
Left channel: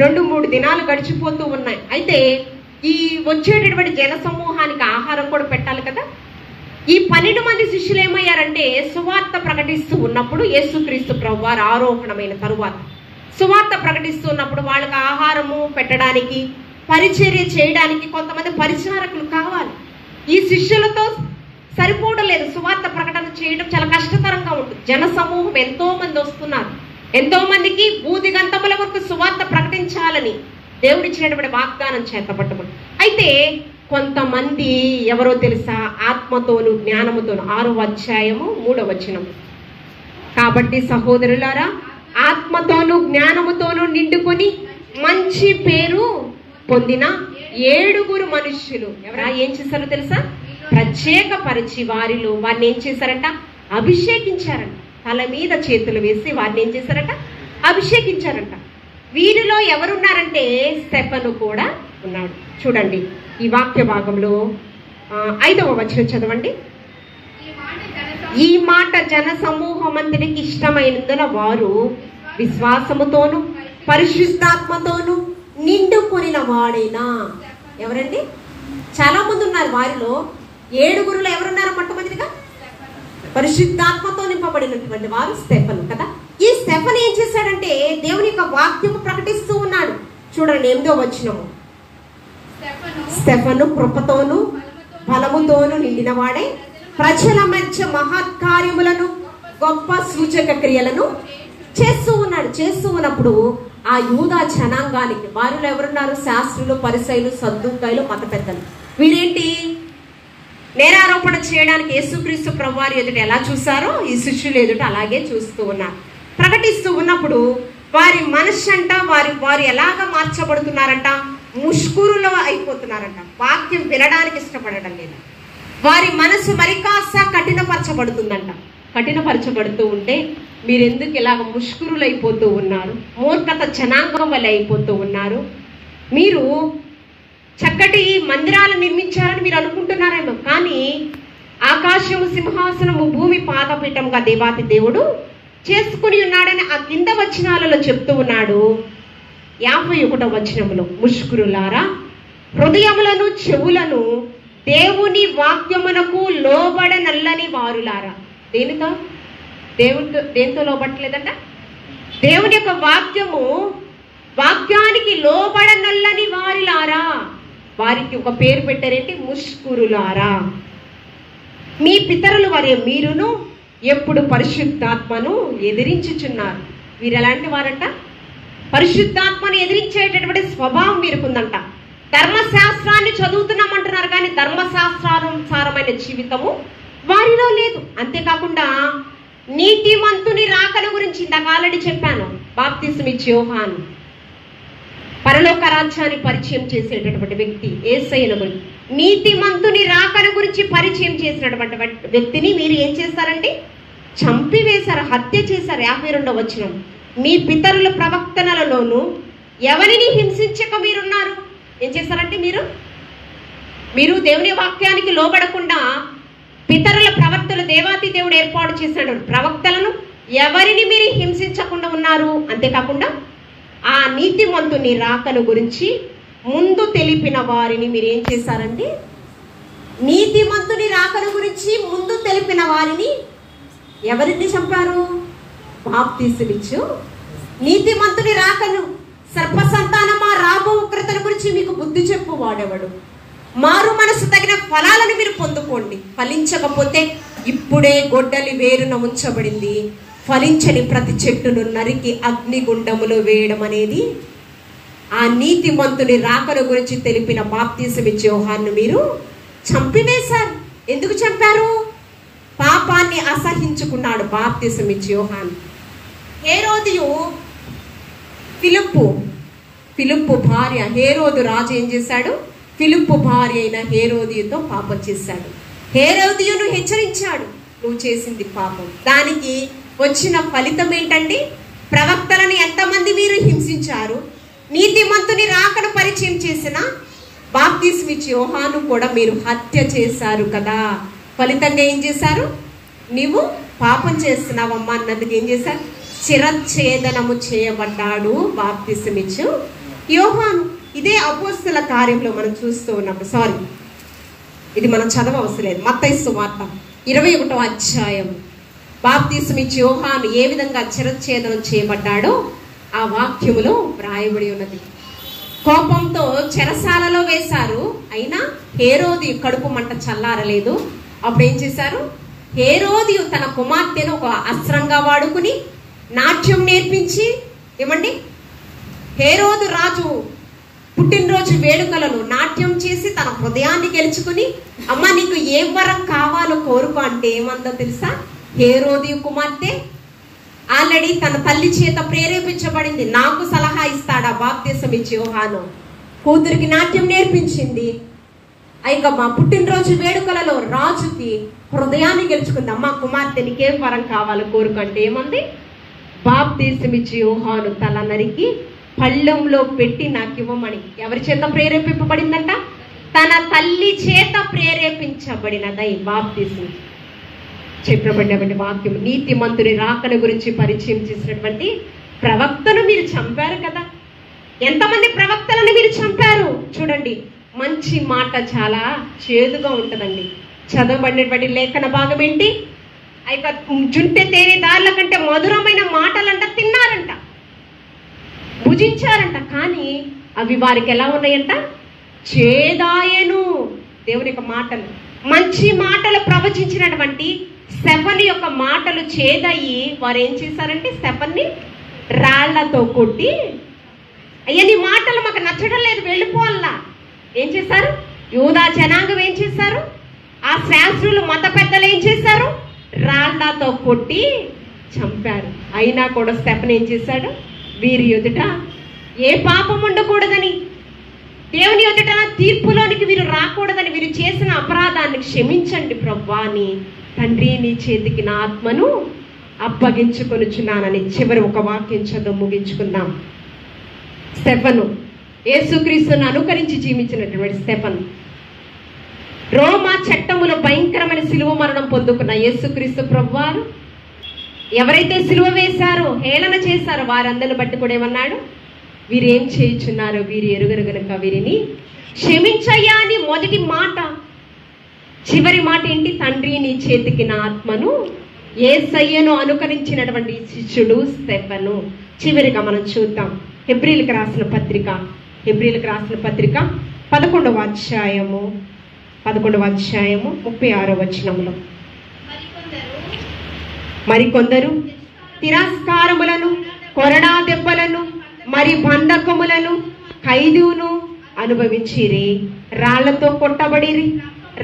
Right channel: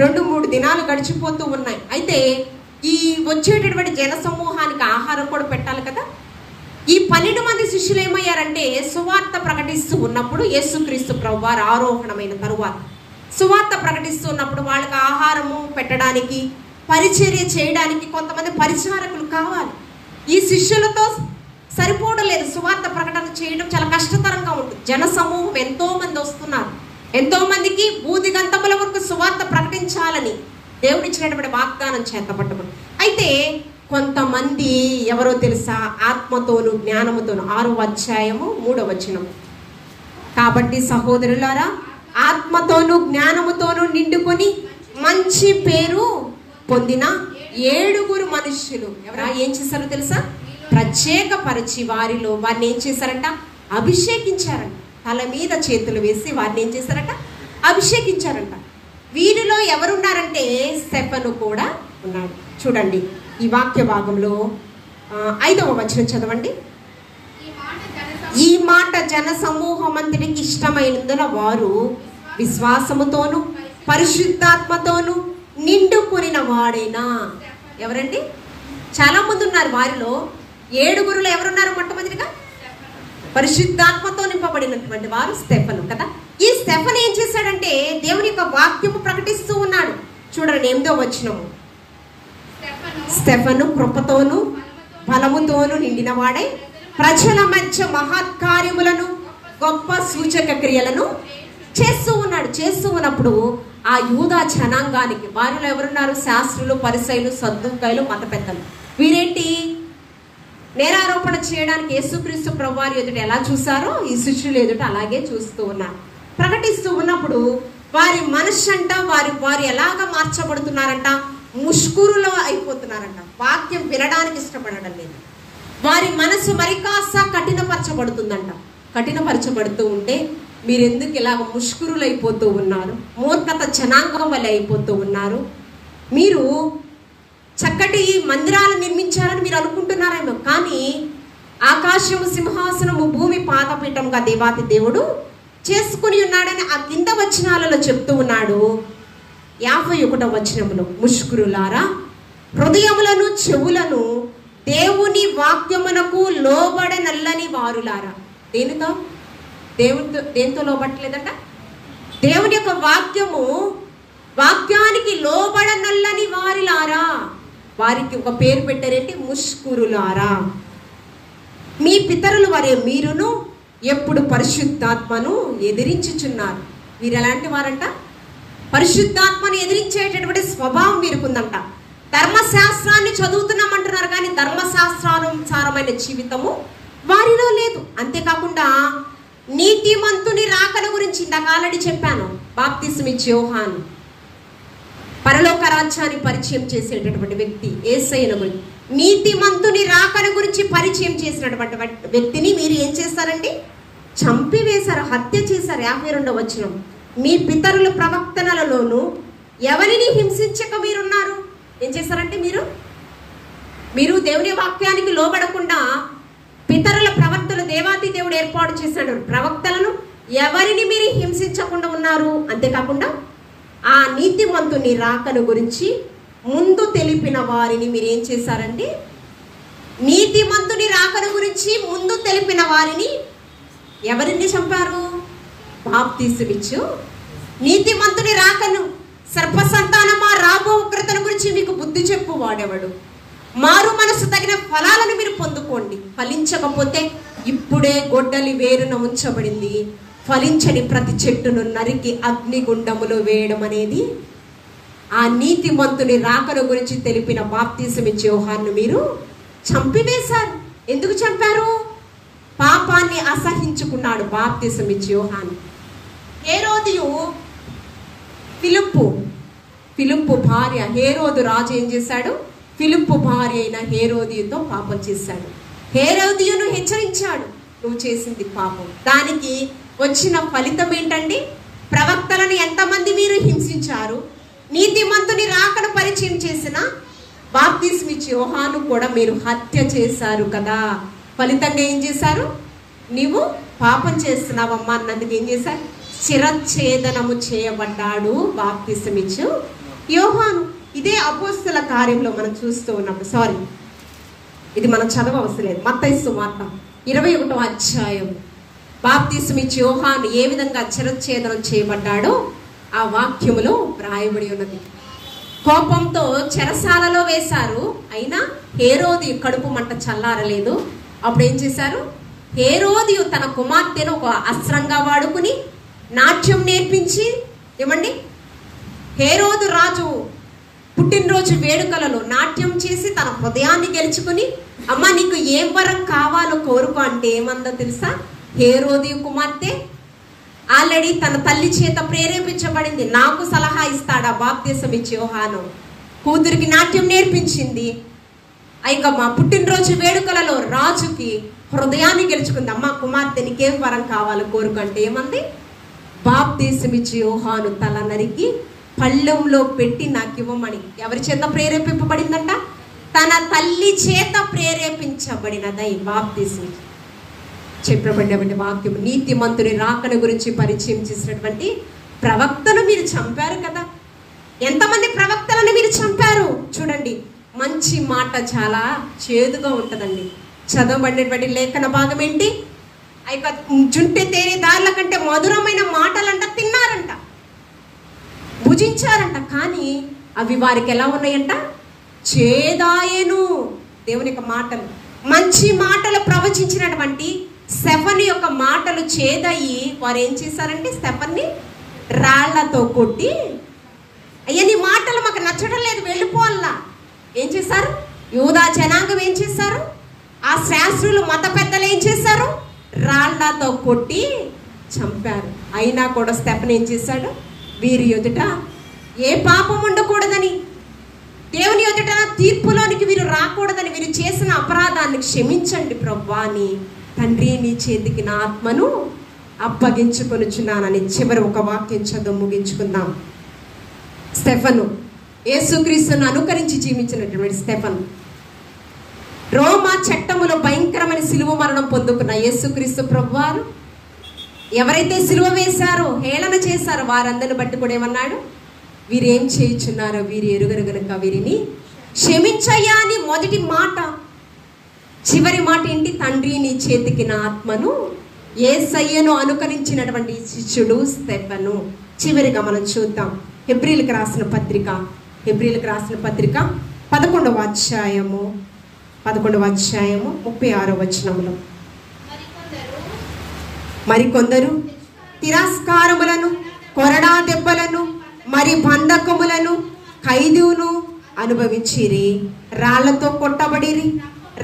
2-3 దినాలు గడిచిపోతూ ఉన్నాయి. అయితే ఈ వచ్చేటటువంటి జన సమూహానికి ఆహారం కూడా పెట్టాలి కదా. ఈ 12 మంది శిష్యులు ఏమయ్యారంటే సువార్త ప్రకటిస్తూ ఉన్నప్పుడు యేసుక్రీస్తు ప్రభువారు ఆరోహణమైన తరువాత సువార్త ప్రకటిస్తూ ఉన్నప్పుడు వాళ్ళకి ఆహారము పెట్టడానికి, పరిచర్య చేయడానికి కొంతమంది పరిచారకులు కావాలి. ఈ శిష్యులతో సరిపోవడం, సువార్త ప్రకటన చేయడం చాలా కష్టతరంగా ఉంటుంది. జన సమూహం ఎంతో మంది వస్తున్నారు. ఎంతో మందికి భూదిగంతముల వరకు సువార్త ప్రకటించాలని దేవుడిచ్చినటువంటి వాగ్దానం చేతపట్టుకుని, అయితే కొంతమంది ఎవరో తెలుసా? ఆత్మతోను జ్ఞానముతోను. 6వ అధ్యాయము 3వ వచనం. కాబట్టి సహోదరులారా, ఆత్మతోను జ్ఞానముతోను నిండుకొని మంచి పేరు పొందిన 7 మనుష్యులు ఎవరా ఏం చేశారో తెలుసా? ప్రత్యేకపరిచి వారిలో వారిని ఏం చేశారంట? అభిషేకించారంట. తల మీద చేతులు వేసి వారిని ఏం చేశారంట? అభిషేకించారంట. వీరిలో ఎవరున్నారంటే స్టెఫను కూడా ఉన్నాడు. చూడండి ఈ వాక్య భాగంలో 5వ వచనం చదవండి. ఈ మాట జన సమూహమంతటికి ఇష్టమైనందున వారు విశ్వాసముతోను పరిశుద్ధాత్మతోను నిండుకొనిన వాడైనా. ఎవరండి? చాలా మంది ఉన్నారు. వారిలో 7 ఎవరున్నారు? మొట్టమొదటిగా పరిశుద్ధాత్మతో నింపబడినటువంటి వారు స్టెఫను కదా. ఈ స్టెఫను ఏం చేశాడంటే దేవుని యొక్క వాక్యము ప్రకటిస్తూ ఉన్నాడు. చూడండి 8వ వచనము. స్టెఫను కృపతోను బలముతోను నిండిన వాడే ప్రజల మధ్య మహత్కార్యములను గొప్ప సూచక క్రియలను చేస్తూ ఉన్నాడు. చేస్తూ ఉన్నప్పుడు ఆ యూదా జనాంగానికి వారిలో ఎవరున్నారు? శాస్త్రులు, పరిసయ్యులు, సద్దూకాయులు, మత పెద్దలు. వీరేంటి? నేరారోపణ చేయడానికి యేసుక్రీస్తు ప్రభువారి ఎదుట ఎలా చూసారో ఈ శిష్యులు ఎదుట అలాగే చూస్తూ ఉన్నారు. ప్రకటిస్తూ ఉన్నప్పుడు వారి మనస్సు అంట వారు ఎలాగ మార్చబడుతున్నారంట? ముష్కూరులో అయిపోతున్నారంట. వాక్యం వినడానికి ఇష్టపడడం లేదా. వారి మనసు మరి కాస్త కఠినపరచబడుతుందంట. కఠినపరచబడుతూ ఉంటే మీరెందుకు ఇలాగ ముష్కూరులు అయిపోతూ ఉన్నారు? మూర్ఖత జనాంగం వల్ల అయిపోతూ ఉన్నారు. మీరు చక్కటి మందిరాలు నిర్మించారని మీరు అనుకుంటున్నారేమో, కానీ ఆకాశము సింహాసనము, భూమి పాదపీఠంగా దేవాతి దేవుడు చేసుకుని ఉన్నాడని ఆ కింద వచనాలలో చెప్తూ ఉన్నాడు. 51వ వచనంలో, ముష్కరులారా, హృదయములను చెవులను దేవుని వాక్యమునకు లోబడనల్లని వారులారా. దేనితో లోబట్టలేదంట? దేవుని యొక్క వాక్యానికి లోబడనల్లని వారిలారా. వారికి ఒక పేరు పెట్టారేంటి? ముష్కరులారా. మీ పితరులు వరే మీరును ఎప్పుడు పరిశుద్ధాత్మను ఎదిరించుచున్నారు. వీరు ఎలాంటి వారంట? పరిశుద్ధాత్మను ఎదిరించేటటువంటి స్వభావం వీరుకుందంట. ధర్మశాస్త్రాన్ని చదువుతున్నామంటున్నారు కానీ ధర్మశాస్త్రానుసారమైన జీవితము వారిలో లేదు. అంతేకాకుండా నీతిమంతుని రాకడ గురించి ఇందాక ఆల్రెడీ చెప్పాను. బాప్తిస్మం ఇచ్చే యోహాను పరలోక రాజ్యాన్ని పరిచయం చేసేటటువంటి వ్యక్తి యేసయ్యను గురించి, నీతిమంతుని రాకడ గురించి పరిచయం చేసినటువంటి వ్యక్తిని మీరు ఏం చేస్తారండి? చంపివేశారు, హత్య చేశారు. 52వ వచనం. మీ పితరుల ప్రవక్తనలలోను ఎవరిని హింసించక మీరున్నారు. ఏం చేస్తారంటే మీరు దేవుని వాక్యానికి లోబడకుండా పితరుల ప్రవక్తలు, దేవాతి దేవుడు ఏర్పాటు చేశాడు ప్రవక్తలను, ఎవరిని మీరు హింసించకుండా ఉన్నారు. అంతేకాకుండా ఆ నీతిమంతుని రాకను గురించి ముందు తెలిపిన వారిని మీరు ఏం చేశారండి? నీతిమంతుని రాకను గురించి ముందు తెలిపిన వారిని ఎవరిని చంపారు? బాప్తిస్మమిచ్చు నీతిమంతుని రాకను, సర్పసంతానమా రాబో ఉగ్రతల గురించి మీకు బుద్ధి చెప్పు వాడెవడు? మారు మనసు తగిన ఫలాలను మీరు పొందుకోండి. ఫలించకపోతే ఇప్పుడే గొడ్డలి వేరున ఉంచబడింది, ఫలించని ప్రతి చెట్టును నరికి అగ్నిగుండములో వేయడం అనేది ఆ నీతిమంతుని రాకను గురించి తెలిపిన బాప్తిస్మమిచ్చే యోహాను మీరు చంపివేశారు. ఎందుకు చంపారు? పాపాన్ని అసహించుకున్నాడు బాప్తిస్మమిచ్చే యోహాను. హేరోదియు ఫిలిప్పు భార్య హేరోదు రాజు ఏం చేశాడు? ఫిలిప్పు భార్య అయిన హేరోదియుతో పాపం చేశాడు. హేరోదియును హెచ్చరించాడు, నువ్వు చేసింది పాపం. దానికి వచ్చిన ఫలితం ఏంటండి? ప్రవక్తలను ఎంతమంది మీరు హింసించారు, నీతిమంతుని రాకను పరిచయం చేసిన బాప్తిస్మిచ్చి యోహాను కూడా మీరు హత్య చేశారు కదా. ఫలితంగా ఏం చేశారు? నీవు పాపం చేస్తున్నావమ్మా అన్నందుకు ఏం చేశారు? శిరచ్ఛేదనము చేయబడ్డాడు బాప్తిస్మిచ్చు యోహాను. ఇదే అపోస్తల కార్యంలో మనం చూస్తూ ఉన్నప్పుడు, ఇది మనం చదవవసరం, మత్తయి సువార్త 21వ అధ్యాయం. బాప్తిస్మిచ్చు యోహాను ఏ విధంగా శిరచ్ఛేదనం చేయబడ్డాడో ఆ వాక్యములో రాయబడి ఉన్నది. కోపంతో చెరసాలలో వేశారు, అయినా హేరోది కడుపు మంట చల్లారలేదు. అప్పుడు ఏం చేశారు? హేరోది తన కుమార్తెను ఒక అస్త్రంగా వాడుకుని నాట్యం నేర్పించి, ఏమండి, హేరోదు రాజు పుట్టినరోజు వేడుకలలో నాట్యం చేసి తన హృదయాన్ని గెలుచుకుని, అమ్మ నీకు ఏ వరం కావాలో కోరుకో అంటే ఏమందో తెలుసా? హేరోది కుమార్తె ఆల్రెడీ తన తల్లి చేత ప్రేరేపించబడింది. నాకు సలహా ఇస్తాడా బాప్తిస్మిచ్చు యోహాను? కూతురికి నాట్యం నేర్పించింది. ఇక మా పుట్టినరోజు వేడుకలలో రాజుకి హృదయాన్ని గెలుచుకుంది. అమ్మ కుమార్తె నీకేం వరం కావాలో కోరుకంటే ఏమంది? బాప్తిస్మిచ్చు యోహాను తల నరికి పళ్ళెంలో పెట్టి నాకు ఇవ్వమని. ఎవరి చేత ప్రేరేపింపబడిందంట? తన తల్లి చేత ప్రేరేపించబడినదై బాప్తిస్మిచ్చు చెప్పబడినటువంటి వాక్యం. నీతిమంతుని రాకడ గురించి పరిచయం చేసినటువంటి ప్రవక్తను మీరు చంపారు కదా. ఎంతమంది ప్రవక్తలను మీరు చంపారు? చూడండి, మంచి మాట చాలా చేదుగా ఉంటుందండి. చదవబడినటువంటి లేఖన భాగం ఏంటి? జుంటె తేనె దారుల కంటే మధురమైన మాటలంట తిన్నారంట, భుజించారంట. కానీ అవి వారికి ఎలా ఉన్నాయంట? చేదాయను. దేవుని యొక్క మాటలు, మంచి మాటలు ప్రవచించినటువంటి స్టెఫను యొక్క మాటలు చేదయ్యి వారు ఏం చేశారంటే స్టెఫన్ని రాళ్లతో కొట్టి, అయ్యా నీ మాటలు మాకు నచ్చడం లేదు, వెళ్ళిపోవాలా. ఏం చేశారు? యూదా జనాంగం ఏం చేశారు? ఆ శాస్త్రులు మత పెద్దలు ఏం చేశారు? రాళ్లతో కొట్టి చంపారు. అయినా కూడా స్టెఫన్ ఏం చేశాడు? వీరి ఎదుట ఏ పాపం ఉండకూడదని, దేవుని ఎదుట తీర్పులోనికి వీరు రాకూడదని, వీరు చేసిన అపరాధాన్ని క్షమించండి ప్రభువా అని తండ్రి నీ చేతికి నా ఆత్మను అప్పగించుకొనుచున్నానని చివరి ఒక వాక్యం చదువు ముగించుకుందాం. స్టెఫను యేసుక్రీస్తును అనుకరించి జీవించినటువంటి స్టెఫను, రోమా చట్టములో భయంకరమైన సిలువ మరణం పొందుకున్న యేసుక్రీస్తు ప్రభువారు ఎవరైతే సిలువ వేశారో, హేళన చేశారో వారందరిని బట్టి కూడా ఏమన్నాడు? వీరేం చేయుచున్నారో వీరు ఎరుగరు గనుక వీరిని క్షమించయ్యా అని మొదటి మాట. చివరి మాట ఏంటి? తండ్రి నీ చేతికి నా ఆత్మను. యేసయ్యను అనుకరించినటువంటి శిష్యుడు స్టెఫను. చివరిగా మనం చూద్దాం హెబ్రీలకు రాసిన పత్రిక 11వ అధ్యాయము 36వ వచనములో, మరికొందరు తిరస్కారములను, కొరడా దెబ్బలను, మరి బంధకములను, ఖైదును అనుభవించిరి. రాళ్లతో కొట్టబడిరి,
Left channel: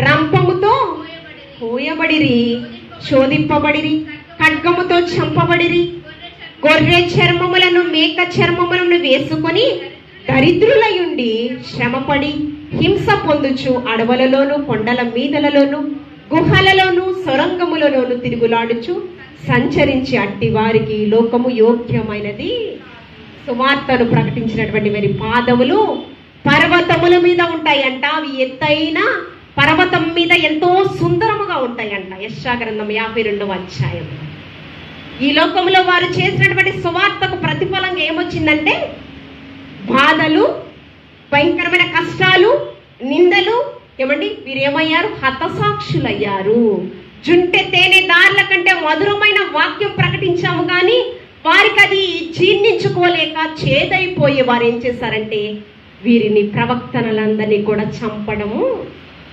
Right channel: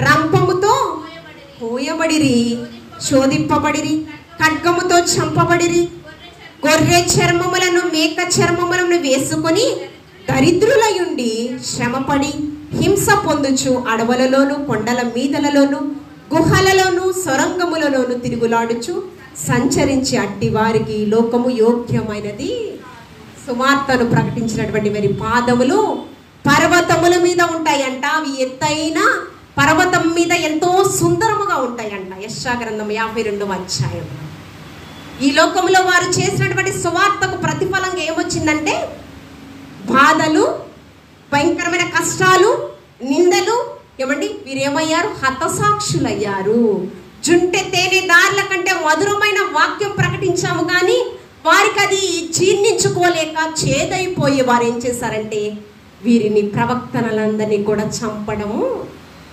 రంపముతో పోయబడిరి, శోధింపబడిరి, ఖడ్గముతో చంపబడిరి. గొర్రె చర్మములను, మేక చర్మములను వేసుకొని దరిద్రులయుండి శ్రమపడి హింస పొందుచు అడవులలోను, కొండల మీదలలోను, గుహలలోను, సొరంగములలోను తిరుగులాడుచు సంచరించి అట్టి వారికి లోకము యోగ్యమైనది సువార్తను ప్రకటించినటువంటి వారి పాదములు పర్వతముల మీద ఉంటాయంట. అవి ఎత్తైన పర్వతం మీద ఎంతో సుందరముగా ఉంటాయంట. యెషయా గ్రంథం 52వ అధ్యాయం. ఈ లోకంలో వారు చేసినటువంటి సువార్తకు ప్రతిఫలంగా ఏమొచ్చిందంటే బాధలు, భయంకరమైన కష్టాలు, నిందలు. ఏమండి, వీరేమయ్యారు? హతసాక్షులయ్యారు. జుంటె తేనె దారుల కంటే మధురమైన వాక్యం ప్రకటించాము కానీ వారికి అది జీర్ణించుకోలేక చేదైపోయి వారు ఏం చేశారంటే వీరిని ప్రవక్తలందరినీ కూడా చంపడము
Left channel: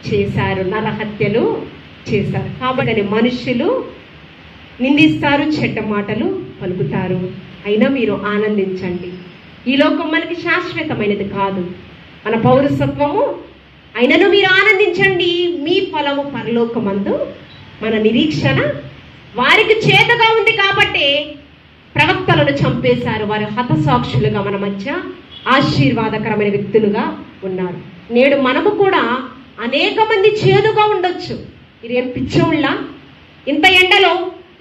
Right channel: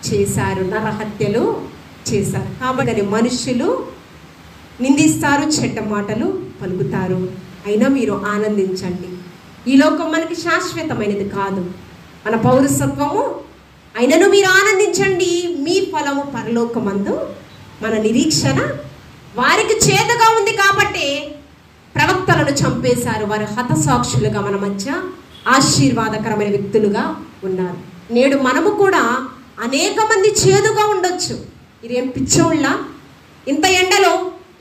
చేశారు, నరహత్యలు చేశారు. కాబట్టి మనుషులు నిందిస్తారు, చెడ్డ మాటలు పలుకుతారు. అయినా మీరు ఆనందించండి. ఈ లోకం మనకి శాశ్వతమైనది కాదు, మన పౌరసత్వము. అయినను మీరు ఆనందించండి, మీ ఫలము పరలోకమందు. మన నిరీక్షణ వారికి చేదుగా ఉంది కాబట్టి ప్రవక్తలను చంపేశారు. వారి హతసాక్షులుగా మన మధ్య ఆశీర్వాదకరమైన వ్యక్తులుగా ఉన్నారు. నేడు మనము కూడా అనేక మంది చేదుగా ఉండొచ్చు. ఇదేం పిచ్చోళ్ళ ఇంత ఎండలో,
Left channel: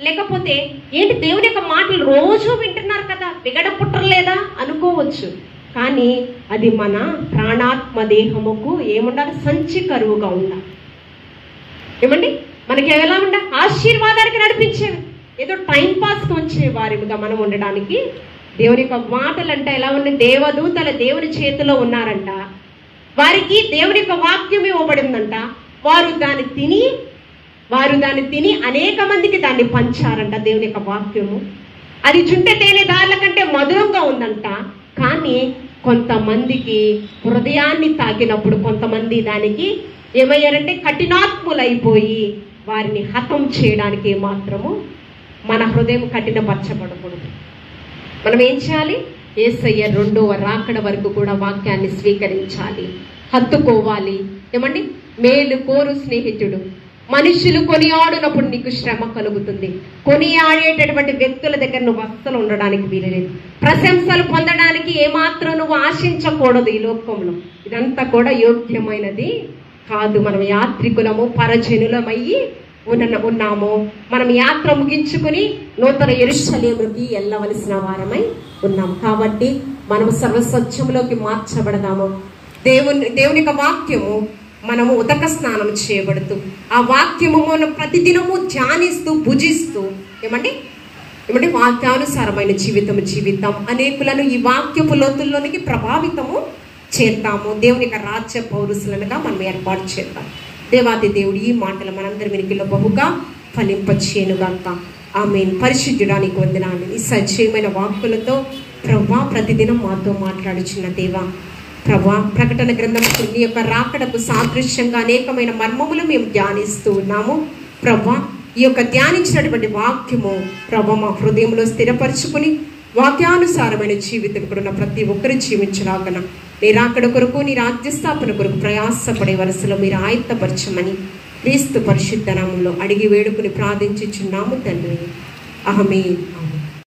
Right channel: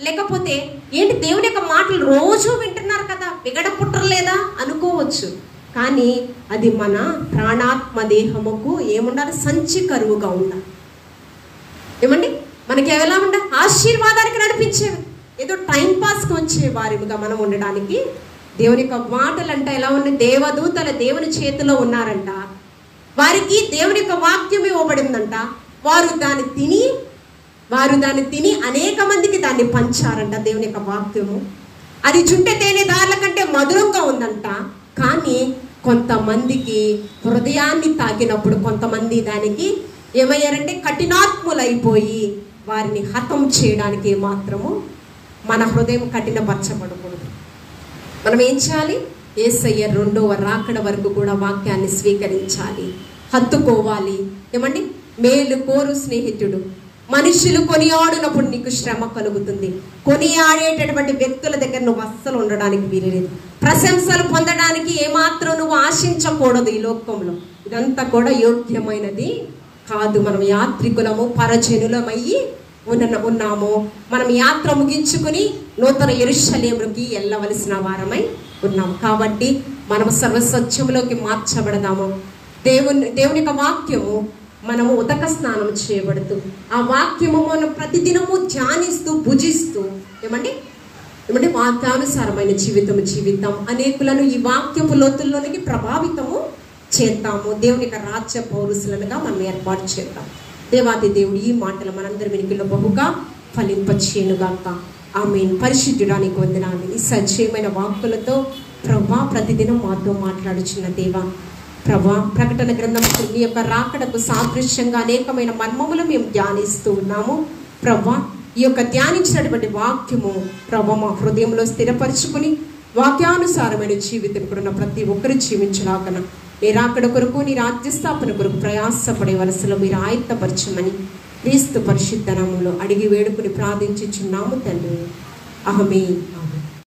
లేకపోతే ఏంటి దేవుని యొక్క మాటలు రోజు వింటున్నారు కదా, విగడ పుట్టలేదా అనుకోవచ్చు. కానీ అది మన ప్రాణాత్మ దేహముకు ఏముండాలి? సంచి కరువుగా ఉండాలి. ఏమండి, మనకి ఎలా ఉండాలి? ఆశీర్వాదానికి నడిపించేవి, ఏదో టైం పాస్కి వచ్చే వారిగా మనం ఉండడానికి దేవుని యొక్క మాటలు అంటే ఎలా ఉన్నాయి? దేవదూతల దేవుని చేతిలో ఉన్నారంట. వారికి దేవుని యొక్క వాక్యం ఇవ్వబడిందంట. వారు దాన్ని తిని అనేక మందికి దాన్ని పంచారంట. దేవుని యొక్క వాక్యము అది చుంటె తేనె దారుల కంటే మధురంగా ఉందంట. కానీ కొంతమందికి హృదయాన్ని తాకినప్పుడు కొంతమంది దానికి ఏమయ్యారంటే కఠినాత్ములైపోయి వారిని హతం చేయడానికి మాత్రము మన హృదయం కఠినపరచబడకూడదు. మనం ఏం చేయాలి? యేసయ్య రెండవ రాకడ వరకు కూడా వాక్యాన్ని స్వీకరించాలి, హత్తుకోవాలి. ఏమండి, మేలు కోరు స్నేహితుడు. మనుషులు కొనియాడినప్పుడు నీకు శ్రమ కలుగుతుంది. కొనియాడేటటువంటి వ్యక్తుల దగ్గర నువ్వు అస్సలు ఉండడానికి వీలులేదు. ప్రశంసలు పొందడానికి ఏమాత్రం నువ్వు ఆశించకూడదు. ఈ లోకంలో ఇదంతా కూడా యోగ్యమైనది కాదు. మనం యాత్రికులము, పరజనులమయ్యి ఉన్నాము. మనం యాత్ర ముగించుకుని నూతన యెరూషలేముకి వెళ్ళవలసిన వారమై ఉన్నాము. కాబట్టి మనము సర్వసత్యములోకి మార్చబడదాము. దేవుని యొక్క వాక్యము మనము ఉదక స్నానం చేయబడుతూ ఆ వాక్యము మనం ప్రతిదినము ధ్యానిస్తూ భుజిస్తూ ఏమండి వాక్యానుసారమైన జీవితం అనేకులను ఈ వాక్యపు లోతుల్లోనికి ప్రభావితము చేద్దాము. దేవుని యొక్క రాజ్య పౌరుషులనుగా మనం ఏర్పాటు చేద్దాం. దేవాది దేవుడు ఈ మాటలు మనందరి వెనుకలో బహుగా ఫలింపచేయునుగాక. ఆమేన్. పరిశుద్ధుడానికి వందనాలు. ఈ సజీవమైన వాక్కులతో ప్రభా ప్రతిదినం మాతో మాట్లాడుచున్న దేవా, ప్రభా ప్రకటన గ్రంథం నీ యొక్క రాకడకు సాదృశ్యంగా అనేకమైన మర్మములు మేము ధ్యానిస్తూ ఉన్నాము. ప్రభా ఈ యొక్క ధ్యానించినటువంటి వాక్యము ప్రభా మా హృదయంలో స్థిరపరచుకుని వాక్యానుసారమైన జీవితం కూడా ప్రతి ఒక్కరు జీవించలాగన నీ రాకడ కొరకు, నీ రాజ్య స్థాపన కొరకు ప్రయాసపడే వలసలో మీరు ఆయత్తపరచమని క్రీస్తు పరిశుద్ధ నామములో అడిగి వేడుకుని ప్రార్థించుచున్నాము తండ్రి. ఆమేన్.